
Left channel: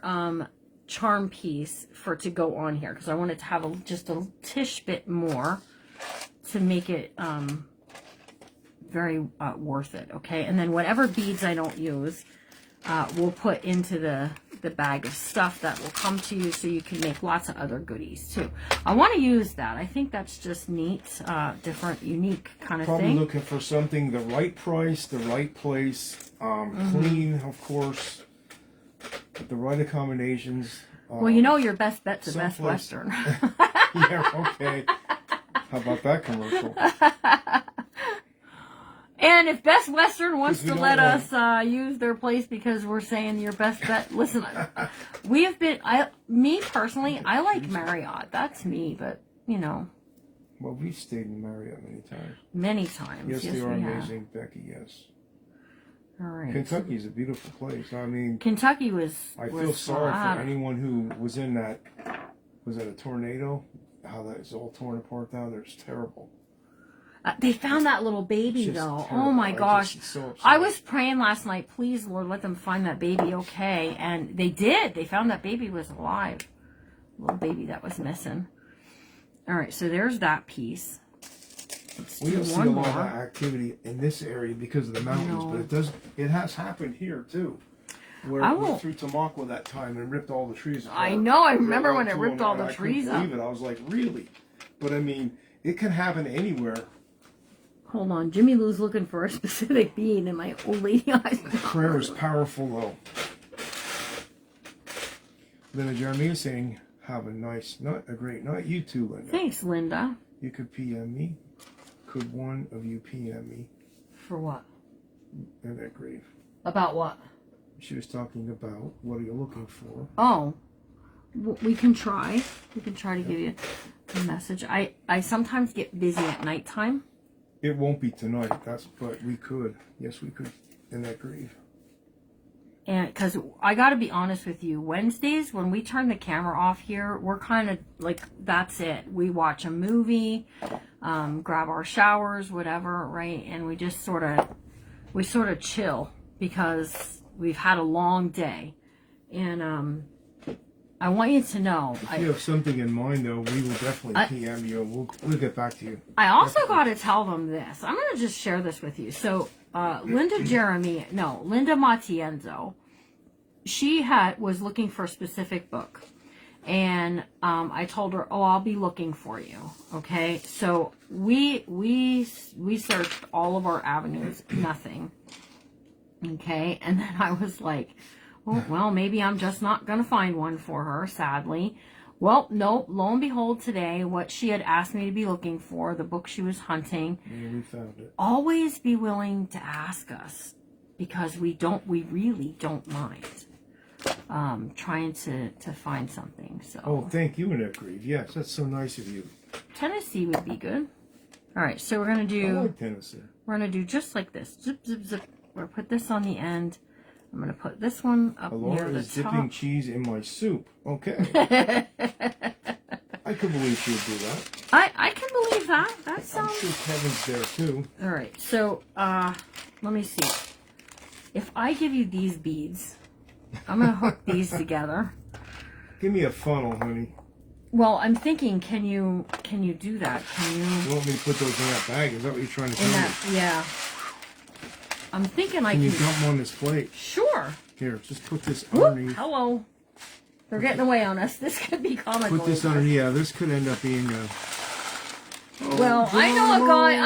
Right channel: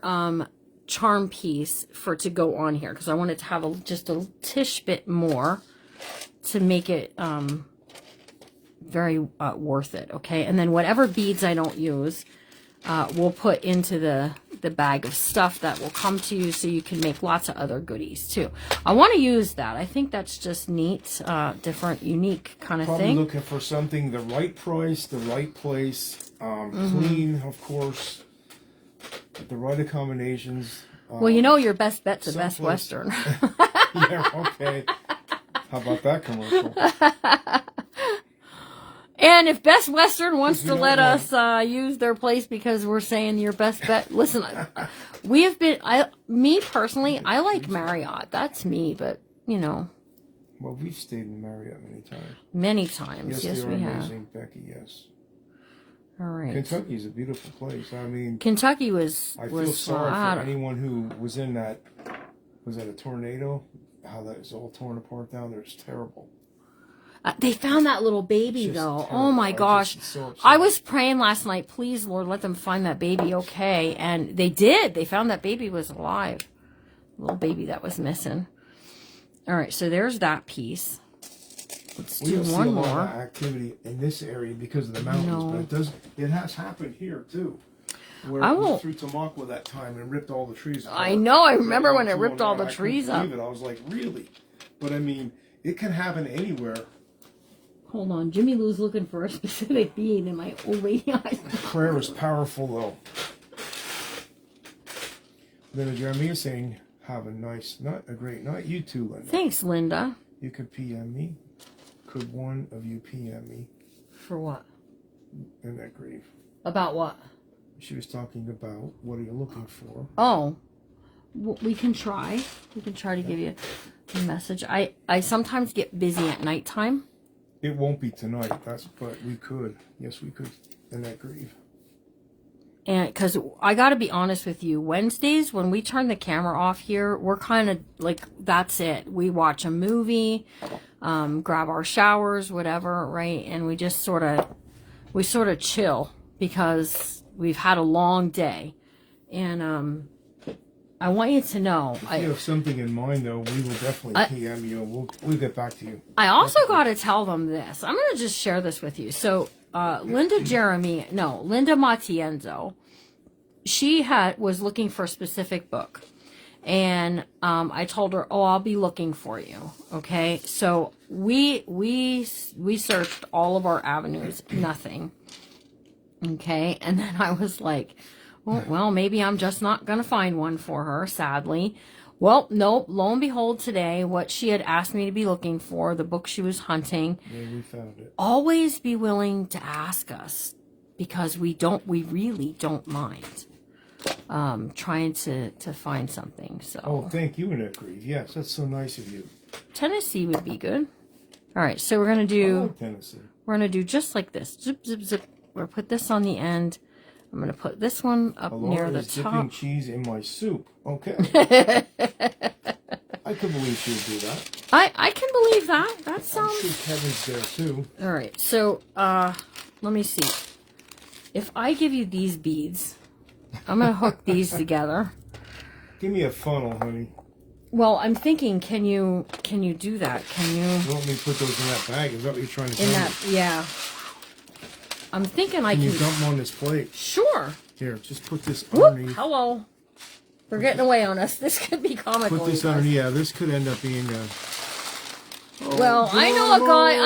charm piece to go on here because I want it to have just a tish bit more to make it very worth it. Okay, and then whatever beads I don't use, we'll put into the the bag of stuff that will come to you, so you can make lots of other goodies too. I want to use that. I think that's just neat, different, unique kind of Probably thing. looking for something the right price, the right place, clean, of course, with the right accommodations. Well, you know your best bet's a Best someplace- Western. Yeah, okay. How about that commercial? And if Best Western wants 'Cause to we let don't us use their place because we're saying your best bet, listen, we have been, me personally, I like Marriott. That's me, but, you know, Well, we've stayed in Marriott many times. many times. Yes, Yes, they are we have. amazing, Becky, yes. All right. Kentucky is a beautiful place. I mean, Kentucky was. I feel sorry for anyone who was in that, was that a tornado? How that is all torn apart down there. It's terrible. They found that little baby, It's just though. terrible. Oh, my I gosh. just- it's so upsetting. I was praying last night, please, Lord, let them find that baby okay. And they did. They found that baby was alive. Little baby that was missing. All right, so there's that piece. Let's We do don't see a one lot of more. activity in this area because of the mountains, No. but it does. It has happened here too, where I it went won't- through Tamaqua that time and ripped all the trees apart. I know. I remember when it Right ripped all on the I trees couldn't up. believe it. I was like, really? But I mean, it can happen anywhere. Hold on. Jimmy Lou's looking for a specific bead in my old lady eyes. Prayer is powerful, though. Linda Jeremy is saying, "Have a nice night, a great night." You too, Linda. Thanks, Linda. You could PM me. Could one of you PM me? For what? In that grave. About what? She was talking about what are you looking for? Oh, we can try. We can try to give you a message. I sometimes get busy at nighttime. It won't be tonight. But we could. Yes, we could. In that grave. And because I got to be honest with you, Wednesdays when we turn the camera off here, we're kind of like, that's it. We watch a movie, grab our showers, whatever, right? And we just sort of chill because we've had a long day. And I want you to know. If you have something in mind, though, we will definitely PM you, and we'll get back to you. I also got to tell them this. I'm going to just share this with you. So, Linda Matienzo, she was looking for a specific book. And I told her, oh, I'll be looking for you. Okay. So we searched all of our avenues, nothing. Okay. And then I was like, well, maybe I'm just not going to find one for her, sadly. Well, nope. Lo and behold, today, what she had asked me to be looking for, the book she was hunting. Yeah, we found it. Always be willing to ask us, because we really don't mind trying to find something. So. Oh, thank you, Annette Grieve. Yes, that's so nice of you. Tennessee would be good. All right, so we're gonna I do. like Tennessee. We're gonna do just like this. Zip, zip, zip. We're gonna put this on the end. I'm going to put this one up near Alora the is dipping top. cheese in my soup. Okay. I could believe she would do that. I can believe that. That I'm sounds... sure Kevin's there, too. All right, so let me see. If I give you these beads, I'm going to hook these together. Give me a funnel, honey. Well, I'm thinking, can you do that? Can you... You want me to put those in that bag? Is that what you're trying to tell In me? that, yeah. I'm thinking I Can you can... dump them on this plate? Sure. Here, just put this Whoop, underneath. hello. They're getting away on us. This could be comical. Put this you guys. on. Yeah, this could end up being. Well, I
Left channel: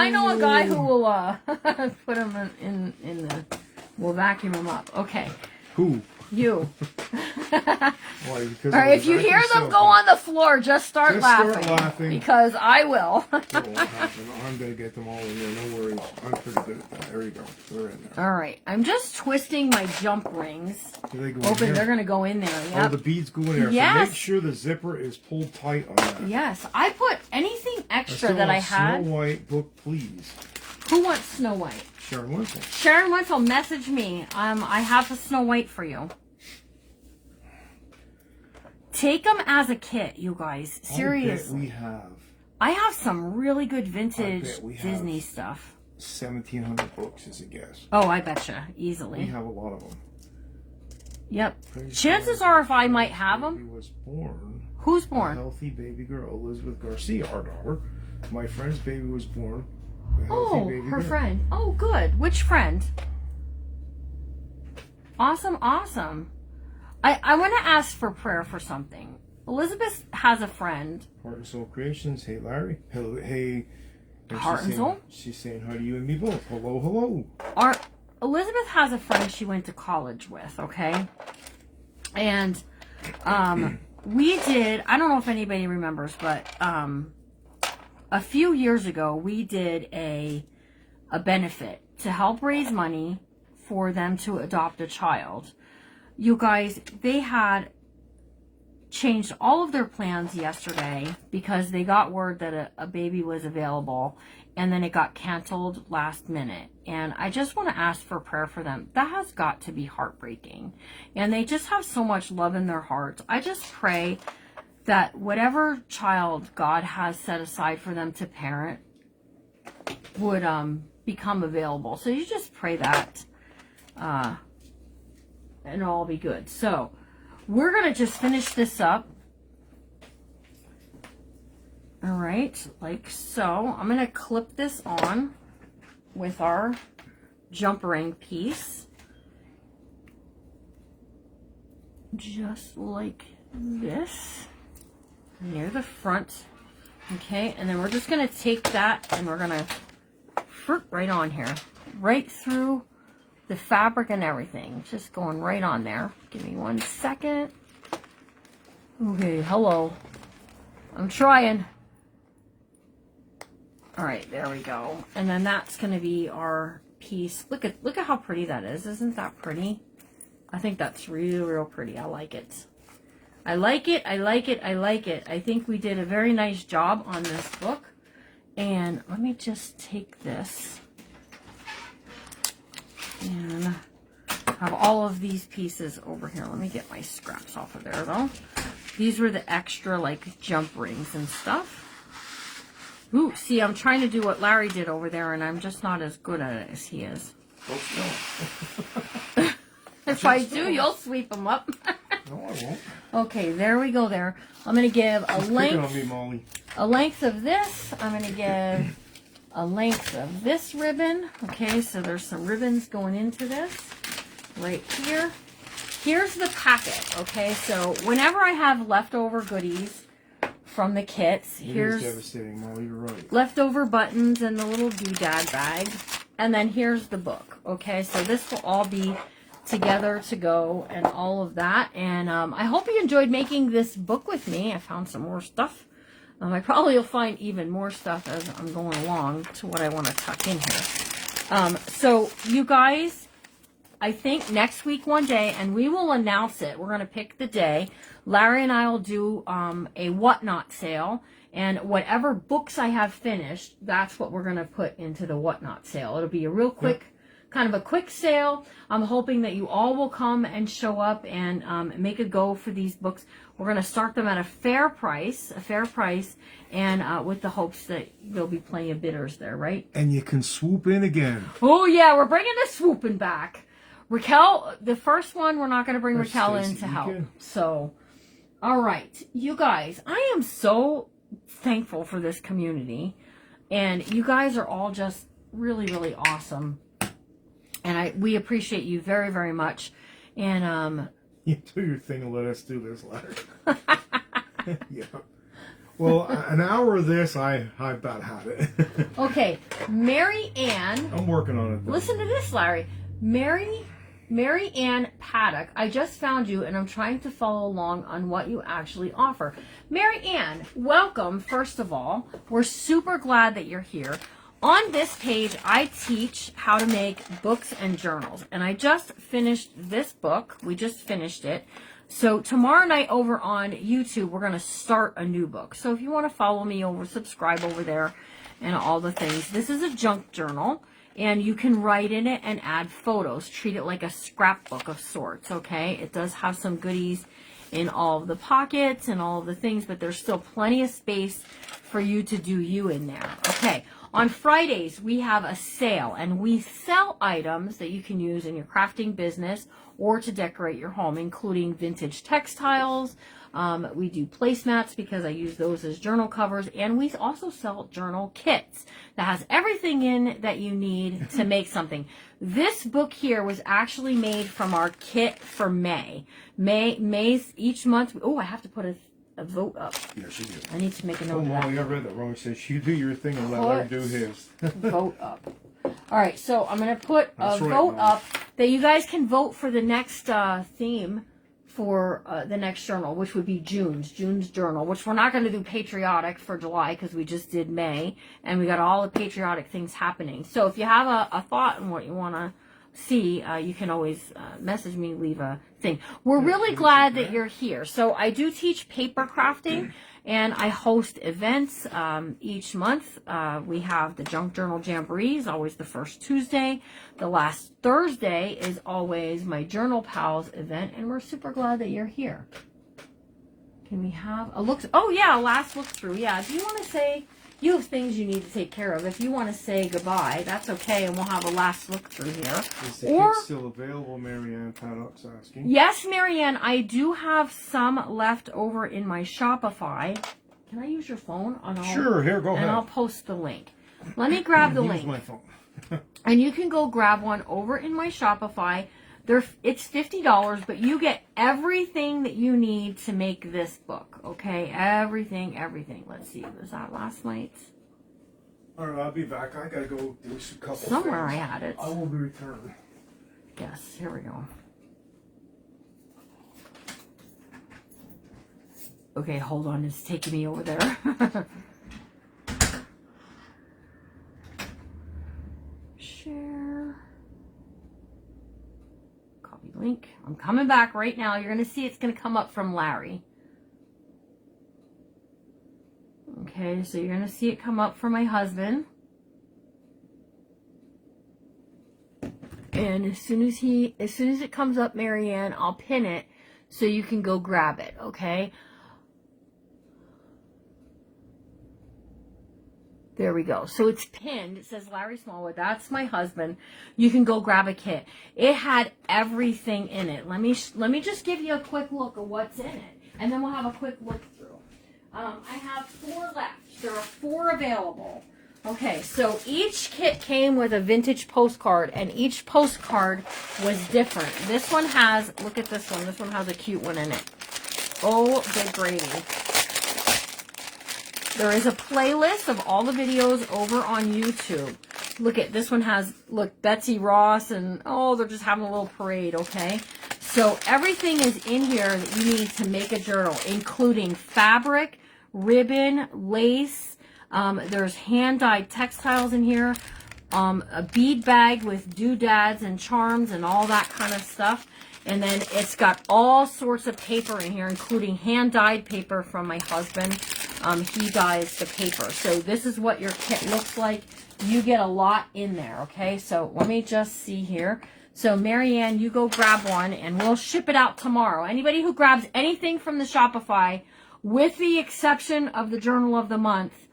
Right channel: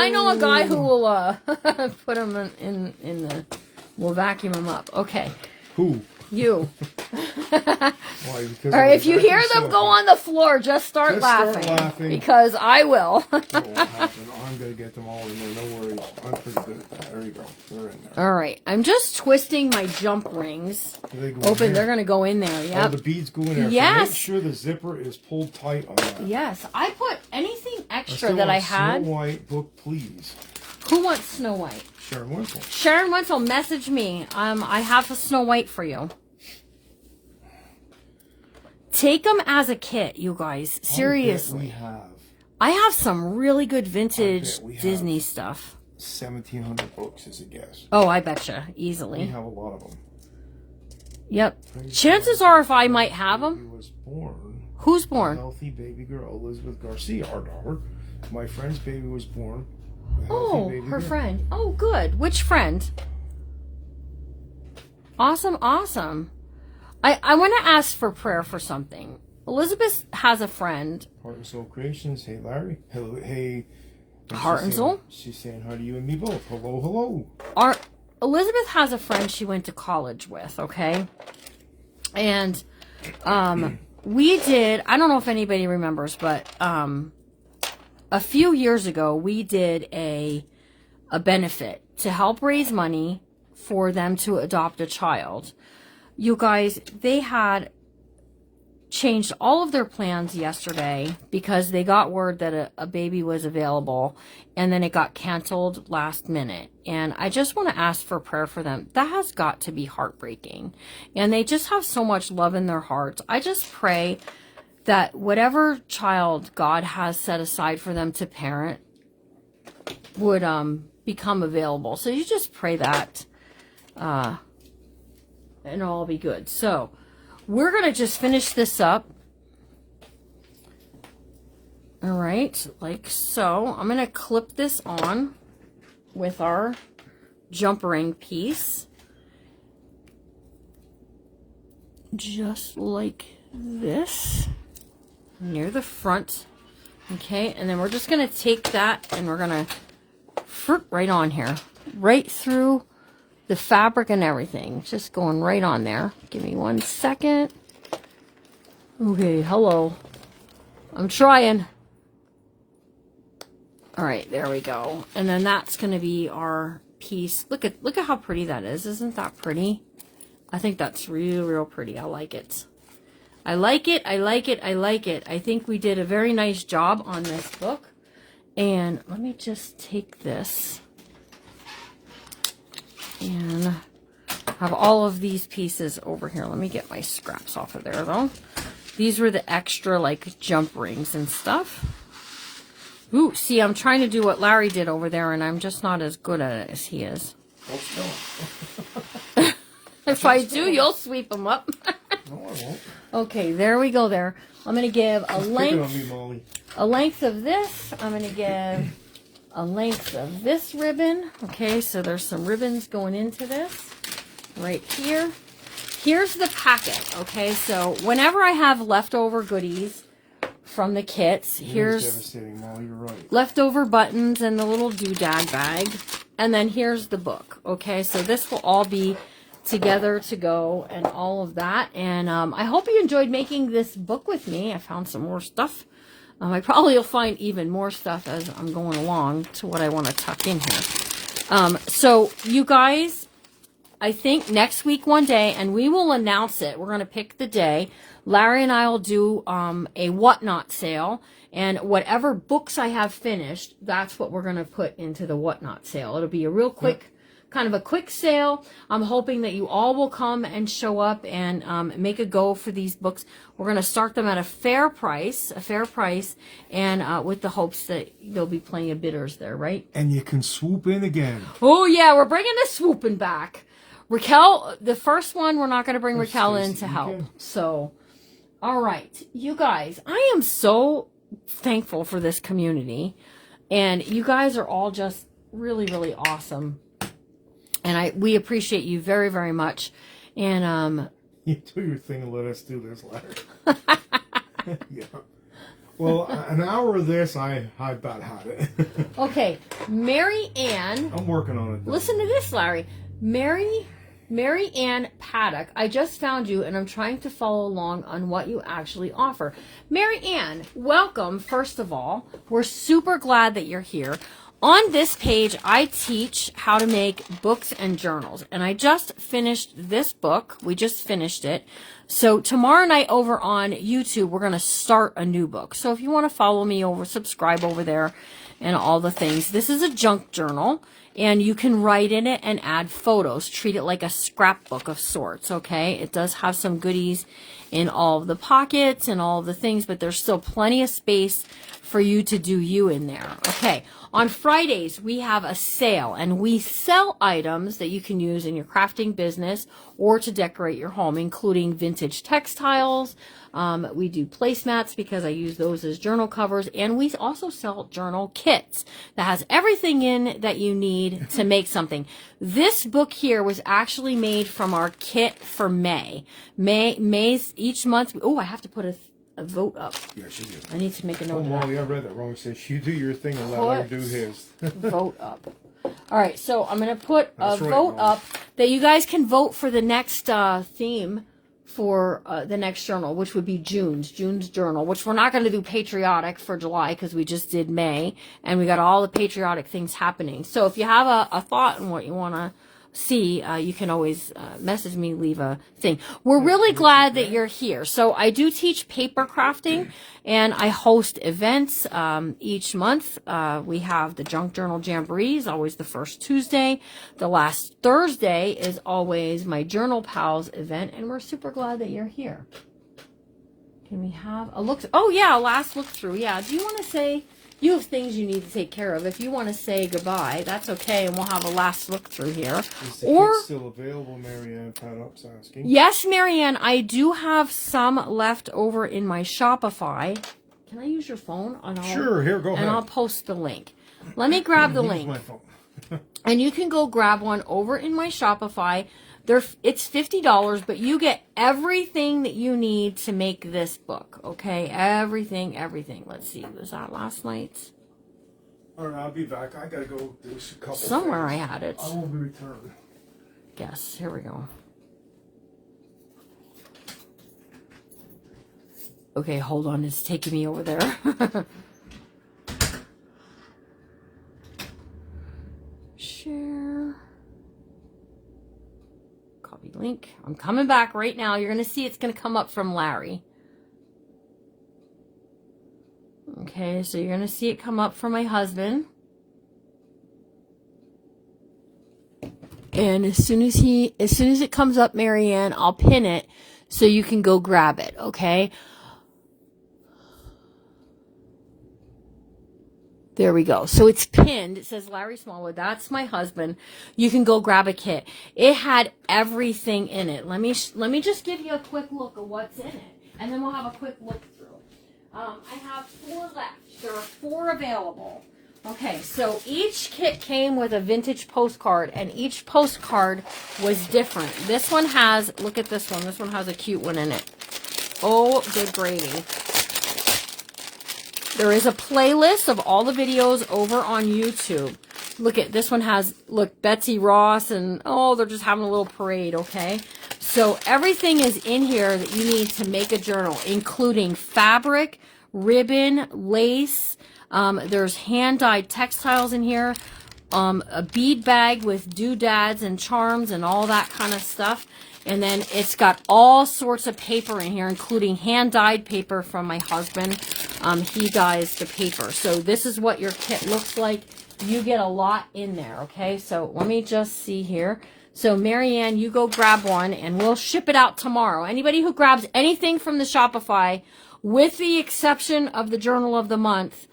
know a guy who will put them in the. We'll vacuum them up. Okay, Who? you. Why? Because All right, if you hear them go on the floor, just start laughing. Because I will. I'm gonna get them all in there. No worries. I'm pretty good at that. There you go. They're in there. All right, I'm just twisting my jump rings. They go in Open. there. They're gonna go in there. Oh, Yep. the beads go in there. Yes. So make sure the zipper is pulled tight on that. Yes, I put anything extra still that I want had. Snow White book, please. Who wants Snow White? Sharon Winslow. Sharon Wenzel, message me. I have a Snow White for you. Take them as a kit, you guys. Seriously. We have I have some really good vintage I bet we have. Disney stuff. 1,700 books as a guess. Oh, I betcha. We Easily. have a lot of them. Yep. Chances are if I might have them. He was born. Who's A born? healthy baby girl, Elizabeth Garcia, our daughter. My friend's baby was born. A healthy Oh, baby her girl. friend. Oh, good. Which friend? Awesome, awesome. I want to ask for prayer for something. Elizabeth has a friend. Heart and Soul Creations. Hey, Larry. Hello. Hey. Heart and Soul? She's saying hi to you and me both. Hello, hello. Elizabeth has a friend she went to college with, okay? And we did, I don't know if anybody remembers, but a few years ago, we did a benefit to help raise money for them to adopt a child. You guys, they had changed all of their plans yesterday because they got word that a baby was available, and then it got canceled last minute. And I just want to ask for prayer for them. That has got to be heartbreaking. And they just have so much love in their hearts. I just pray that whatever child God has set aside for them to parent would become available. So you just pray that and it'll all be good. So we're going to just finish this up. All right, like so. I'm going to clip this on with our jump ring piece. Just like this. Near the front. Okay, and then we're just going to take that and we're going to right on here. Right through the fabric and everything. Just going right on there. Give me 1 second. Okay, hello. I'm trying. All right, there we go. And then that's going to be our piece. Look at how pretty that is. Isn't that pretty? I think that's real pretty. I like it. I like it. I like it. I like it. I think we did a very nice job on this book. And let me just take this and have all of these pieces over here. Let me get my scraps off of there though. These were the extra like jump rings and stuff. Ooh, see, I'm trying to do what Larry did over there and I'm just not as good at it as he is. If I do, you'll sweep them up. No, I won't. Okay, there we go there. I'm going to give a length, on me, Molly. a length of this. I'm going to give a length of this ribbon. Okay, so there's some ribbons going into this right here. Here's the packet. Okay, so whenever I have leftover goodies from the kits, here's devastating, Molly. You're right. leftover buttons and the little doodad bag. And then here's the book. Okay, so this will all be together to go and all of that. And I hope you enjoyed making this book with me. I found some more stuff. I probably will find even more stuff as I'm going along to what I want to tuck in here. So you guys, I think next week one day, and we will announce it. We're going to pick the day. Larry and I will do a whatnot sale. And whatever books I have finished, that's what we're going to put into the whatnot sale. It'll be a real quick kind of a quick sale. I'm hoping that you all will come and show up and make a go for these books. We're going to start them at a fair price, and with the hopes that there'll be plenty of bidders there, right? And you can swoop in again. Oh, yeah, we're bringing the swooping back. Raquel, the first one, we're not going to bring Raquel in to help. So, all right, you guys, I am so thankful for this community, and you guys are all just really awesome. And we appreciate you very, very much. And you do your thing and let us do this, Larry. Yeah. Well, an hour of this, I about had it. Okay, Mary Ann. I'm working on it, though. Listen to this, Larry. Mary Ann Paddock. I just found you, and I'm trying to follow along on what you actually offer. Mary Ann, welcome, first of all. We're super glad that you're here. On this page, I teach how to make books and journals. And I just finished this book. We just finished it. So tomorrow night over on YouTube, we're going to start a new book. So if you want to follow me over, subscribe over there and all the things. This is a junk journal. And you can write in it and add photos. Treat it like a scrapbook of sorts, okay? It does have some goodies in all of the pockets and all of the things, but there's still plenty of space for you to do you in there. Okay, on Fridays, we have a sale, and we sell items that you can use in your crafting business or to decorate your home, including vintage textiles. We do placemats because I use those as journal covers, and we also sell journal kits that has everything in that you need to make something. This book here was actually made from our kit for May's each month. Oh, I have to put a vote up. Yeah, she did. I need to make a note. Oh, Molly, I read that wrong. It says you do your thing and let her do his. Vote up. All right, so I'm going to put a vote up that you guys can vote for the next theme for the next journal, which would be June's journal, which we're not going to do Patriotic for July because we just did May, and we got all the patriotic things happening. So if you have a thought on what you want to see, you can always message me, leave a thing. We're really glad that you're here. So I do teach paper crafting, and I host events each month. We have the Junk Journal Jamborees, always the first Tuesday. The last Thursday is always my Journal Pals event, and we're super glad that you're here. Can we have a look? Oh yeah, a last look through. Yeah, do you want to say? You have things you need to take care of. If you want to say goodbye, that's okay, and we'll have a last look through here. Is the kit still available, Marianne? Paddock's asking. Yes, Marianne, I do have some left over in my Shopify. Can I use your phone? Sure, here, go ahead. And I'll post the link. Let me grab the link. My phone. And you can go grab one over in my Shopify. It's $50, but you get everything that you need to make this book, okay? Everything. Let's see, was that last night's? All right, I'll be back. I gotta go do a couple Somewhere things. I had it. I will return. Yes, here we go. Okay, hold on, it's taking me over there. Share. Copy link. I'm coming back right now. You're going to see it's going to come up from Larry. Okay, so you're going to see it come up from my husband. And as soon as it comes up, Marianne, I'll pin it so you can go grab it, okay? There we go. So it's pinned. It says Larry Smallwood. That's my husband. You can go grab a kit. It had everything in it. Let me just give you a quick look of what's in it, and then we'll have a quick look through. I have 4 left. There are 4 available. Okay, so each kit came with a vintage postcard, and each postcard was different. This one has, look at this one. This one has a cute one in it. Oh, good gravy. There is a playlist of all the videos over on YouTube. Look at this one has, look, Betsy Ross, and oh, they're just having a little parade, okay? So everything is in here that you need to make a journal, including fabric, ribbon, lace. There's hand-dyed textiles in here, a bead bag with doodads and charms and all that kind of stuff. And then it's got all sorts of paper in here, including hand-dyed paper from my husband. He dyes the paper. So this is what your kit looks like. You get a lot in there, okay? So let me just see here. So Marianne, you go grab one, and we'll ship it out tomorrow. Anybody who grabs anything from the Shopify, with the exception of the Journal of the Month,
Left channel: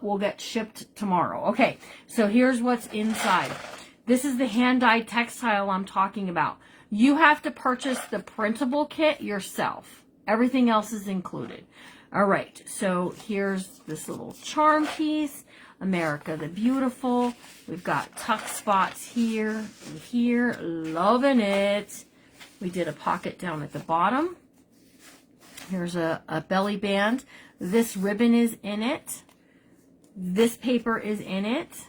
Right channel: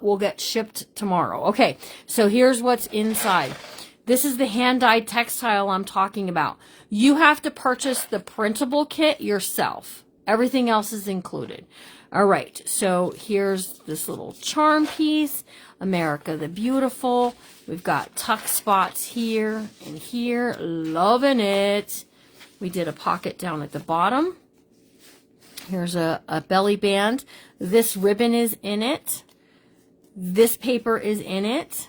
will get shipped tomorrow. Okay, so here's what's inside. This is the hand-dyed textile I'm talking about. You have to purchase the printable kit yourself. Everything else is included. All right, so here's this little charm piece, America the Beautiful. We've got tuck spots here and here. Loving it. We did a pocket down at the bottom. Here's a belly band. This ribbon is in it. This paper is in it.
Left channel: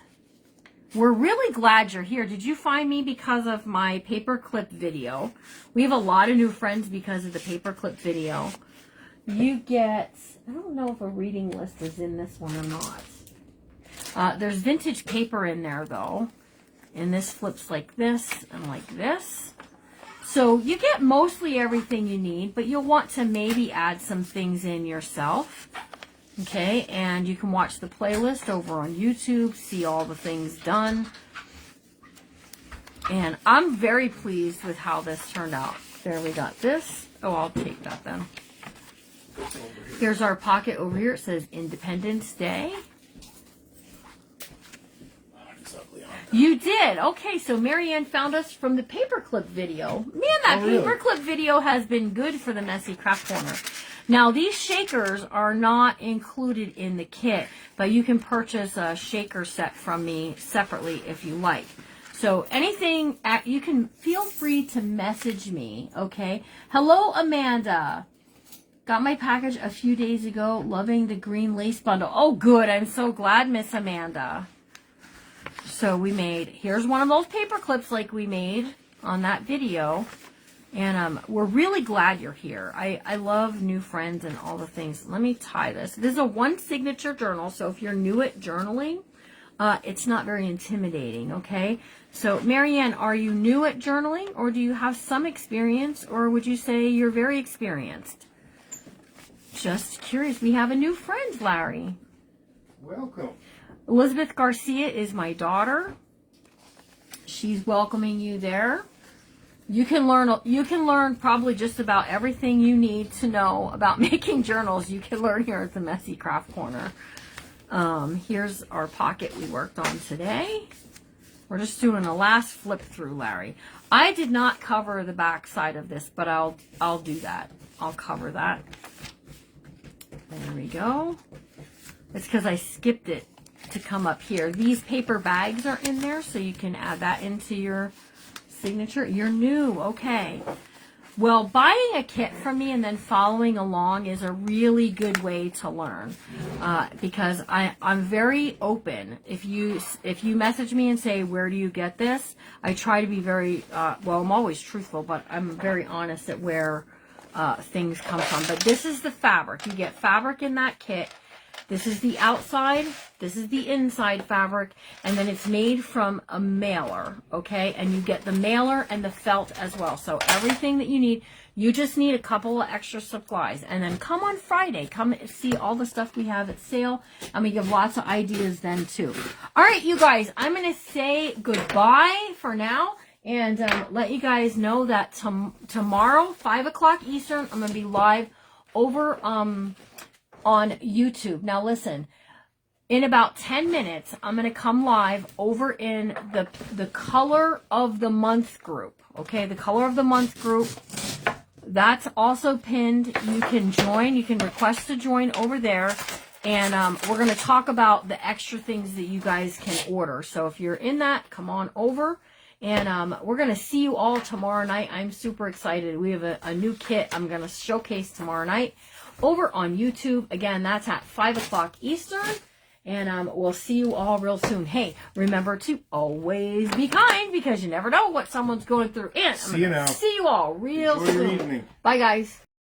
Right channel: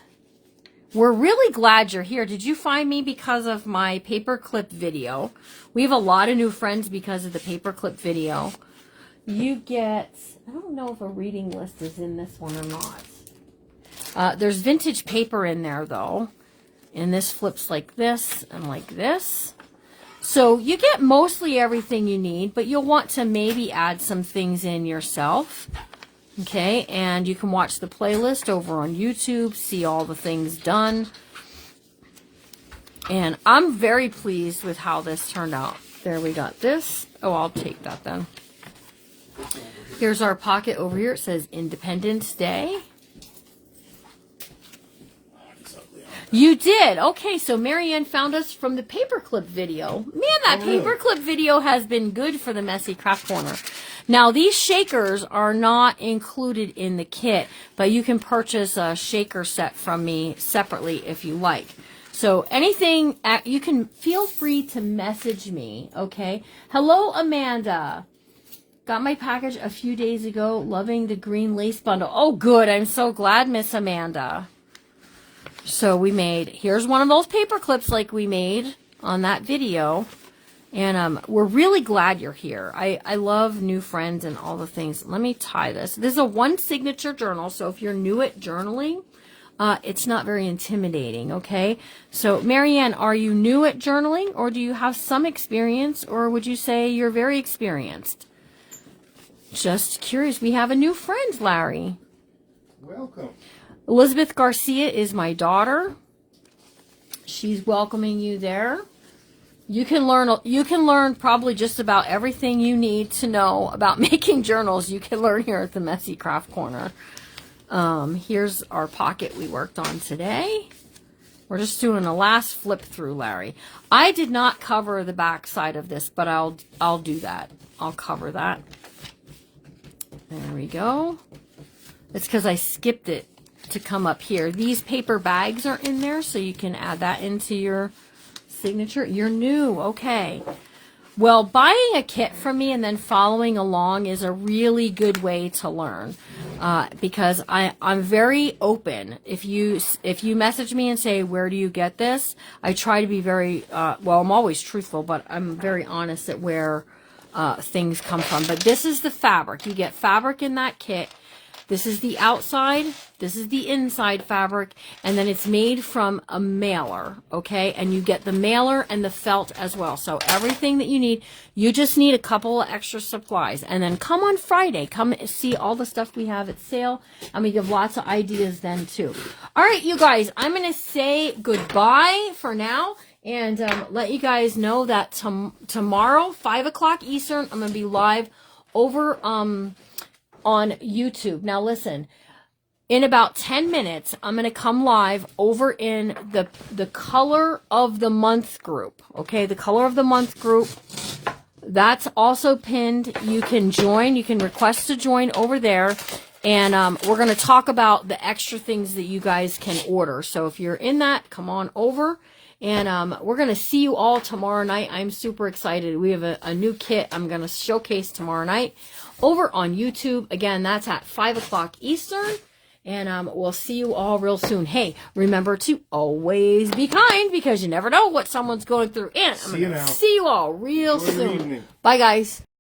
We're really glad you're here. Did you find me because of my paperclip video? We have a lot of new friends because of the paperclip video. You get, I don't know if a reading list is in this one or not. There's vintage paper in there though. And this flips like this and like this. So you get mostly everything you need, but you'll want to maybe add some things in yourself. Okay, and you can watch the playlist over on YouTube, see all the things done. And I'm very pleased with how this turned out. There we got this. Oh, I'll take that then. Here's our pocket over here. It says Independence Day. You did. Okay, so Marianne found us from the paperclip video. Man, that paperclip video has been good for the Messy Craft Corner. Now, these shakers are not included in the kit, but you can purchase a shaker set from me separately if you like. So anything, you can feel free to message me, okay? Hello, Amanda. Got my package a few days ago. Loving the green lace bundle. Oh, good. I'm so glad, Miss Amanda. So we made, here's one of those paper clips like we made on that video. And we're really glad you're here. I love new friends and all the things. Let me tie this. This is a one signature journal. So if you're new at journaling, it's not very intimidating, okay? So Marianne, are you new at journaling, or do you have some experience, or would you say you're very experienced? Just curious. We have a new friend, Larry. Welcome. Elizabeth Garcia is my daughter. She's welcoming you there. You can learn probably just about everything you need to know about making journals. You can learn here at the Messy Craft Corner. Here's our pocket we worked on today. We're just doing a last flip through, Larry. I did not cover the back side of this, but I'll do that. I'll cover that. There we go. It's because I skipped it to come up here. These paper bags are in there, so you can add that into your signature. You're new. Okay. Well, buying a kit from me and then following along is a really good way to learn, because I'm very open. If you message me and say, where do you get this? I try to be very, well, I'm always truthful, but I'm very honest at where things come from. But this is the fabric. You get fabric in that kit. This is the outside, this is the inside fabric, and then it's made from a mailer, okay? And you get the mailer and the felt as well. So everything that you need, you just need a couple of extra supplies. And then come on Friday, come see all the stuff we have at sale, and we give lots of ideas then too. All right, you guys, I'm going to say goodbye for now. And let you guys know that tomorrow, 5 o'clock Eastern, I'm going to be live over on YouTube. Now listen, in about 10 minutes, I'm going to come live over in the color of the month group. Okay, the color of the month group. That's also pinned. You can join. You can request to join over there. And we're going to talk about the extra things that you guys can order. So if you're in that, come on over. And we're going to see you all tomorrow night. I'm super excited. We have a new kit I'm going to showcase tomorrow night over on YouTube. Again, that's at 5 o'clock Eastern. And we'll see you all real soon. Hey, remember to always be kind, because you never know what someone's going through. And I'm going to see you all real soon. Bye, guys.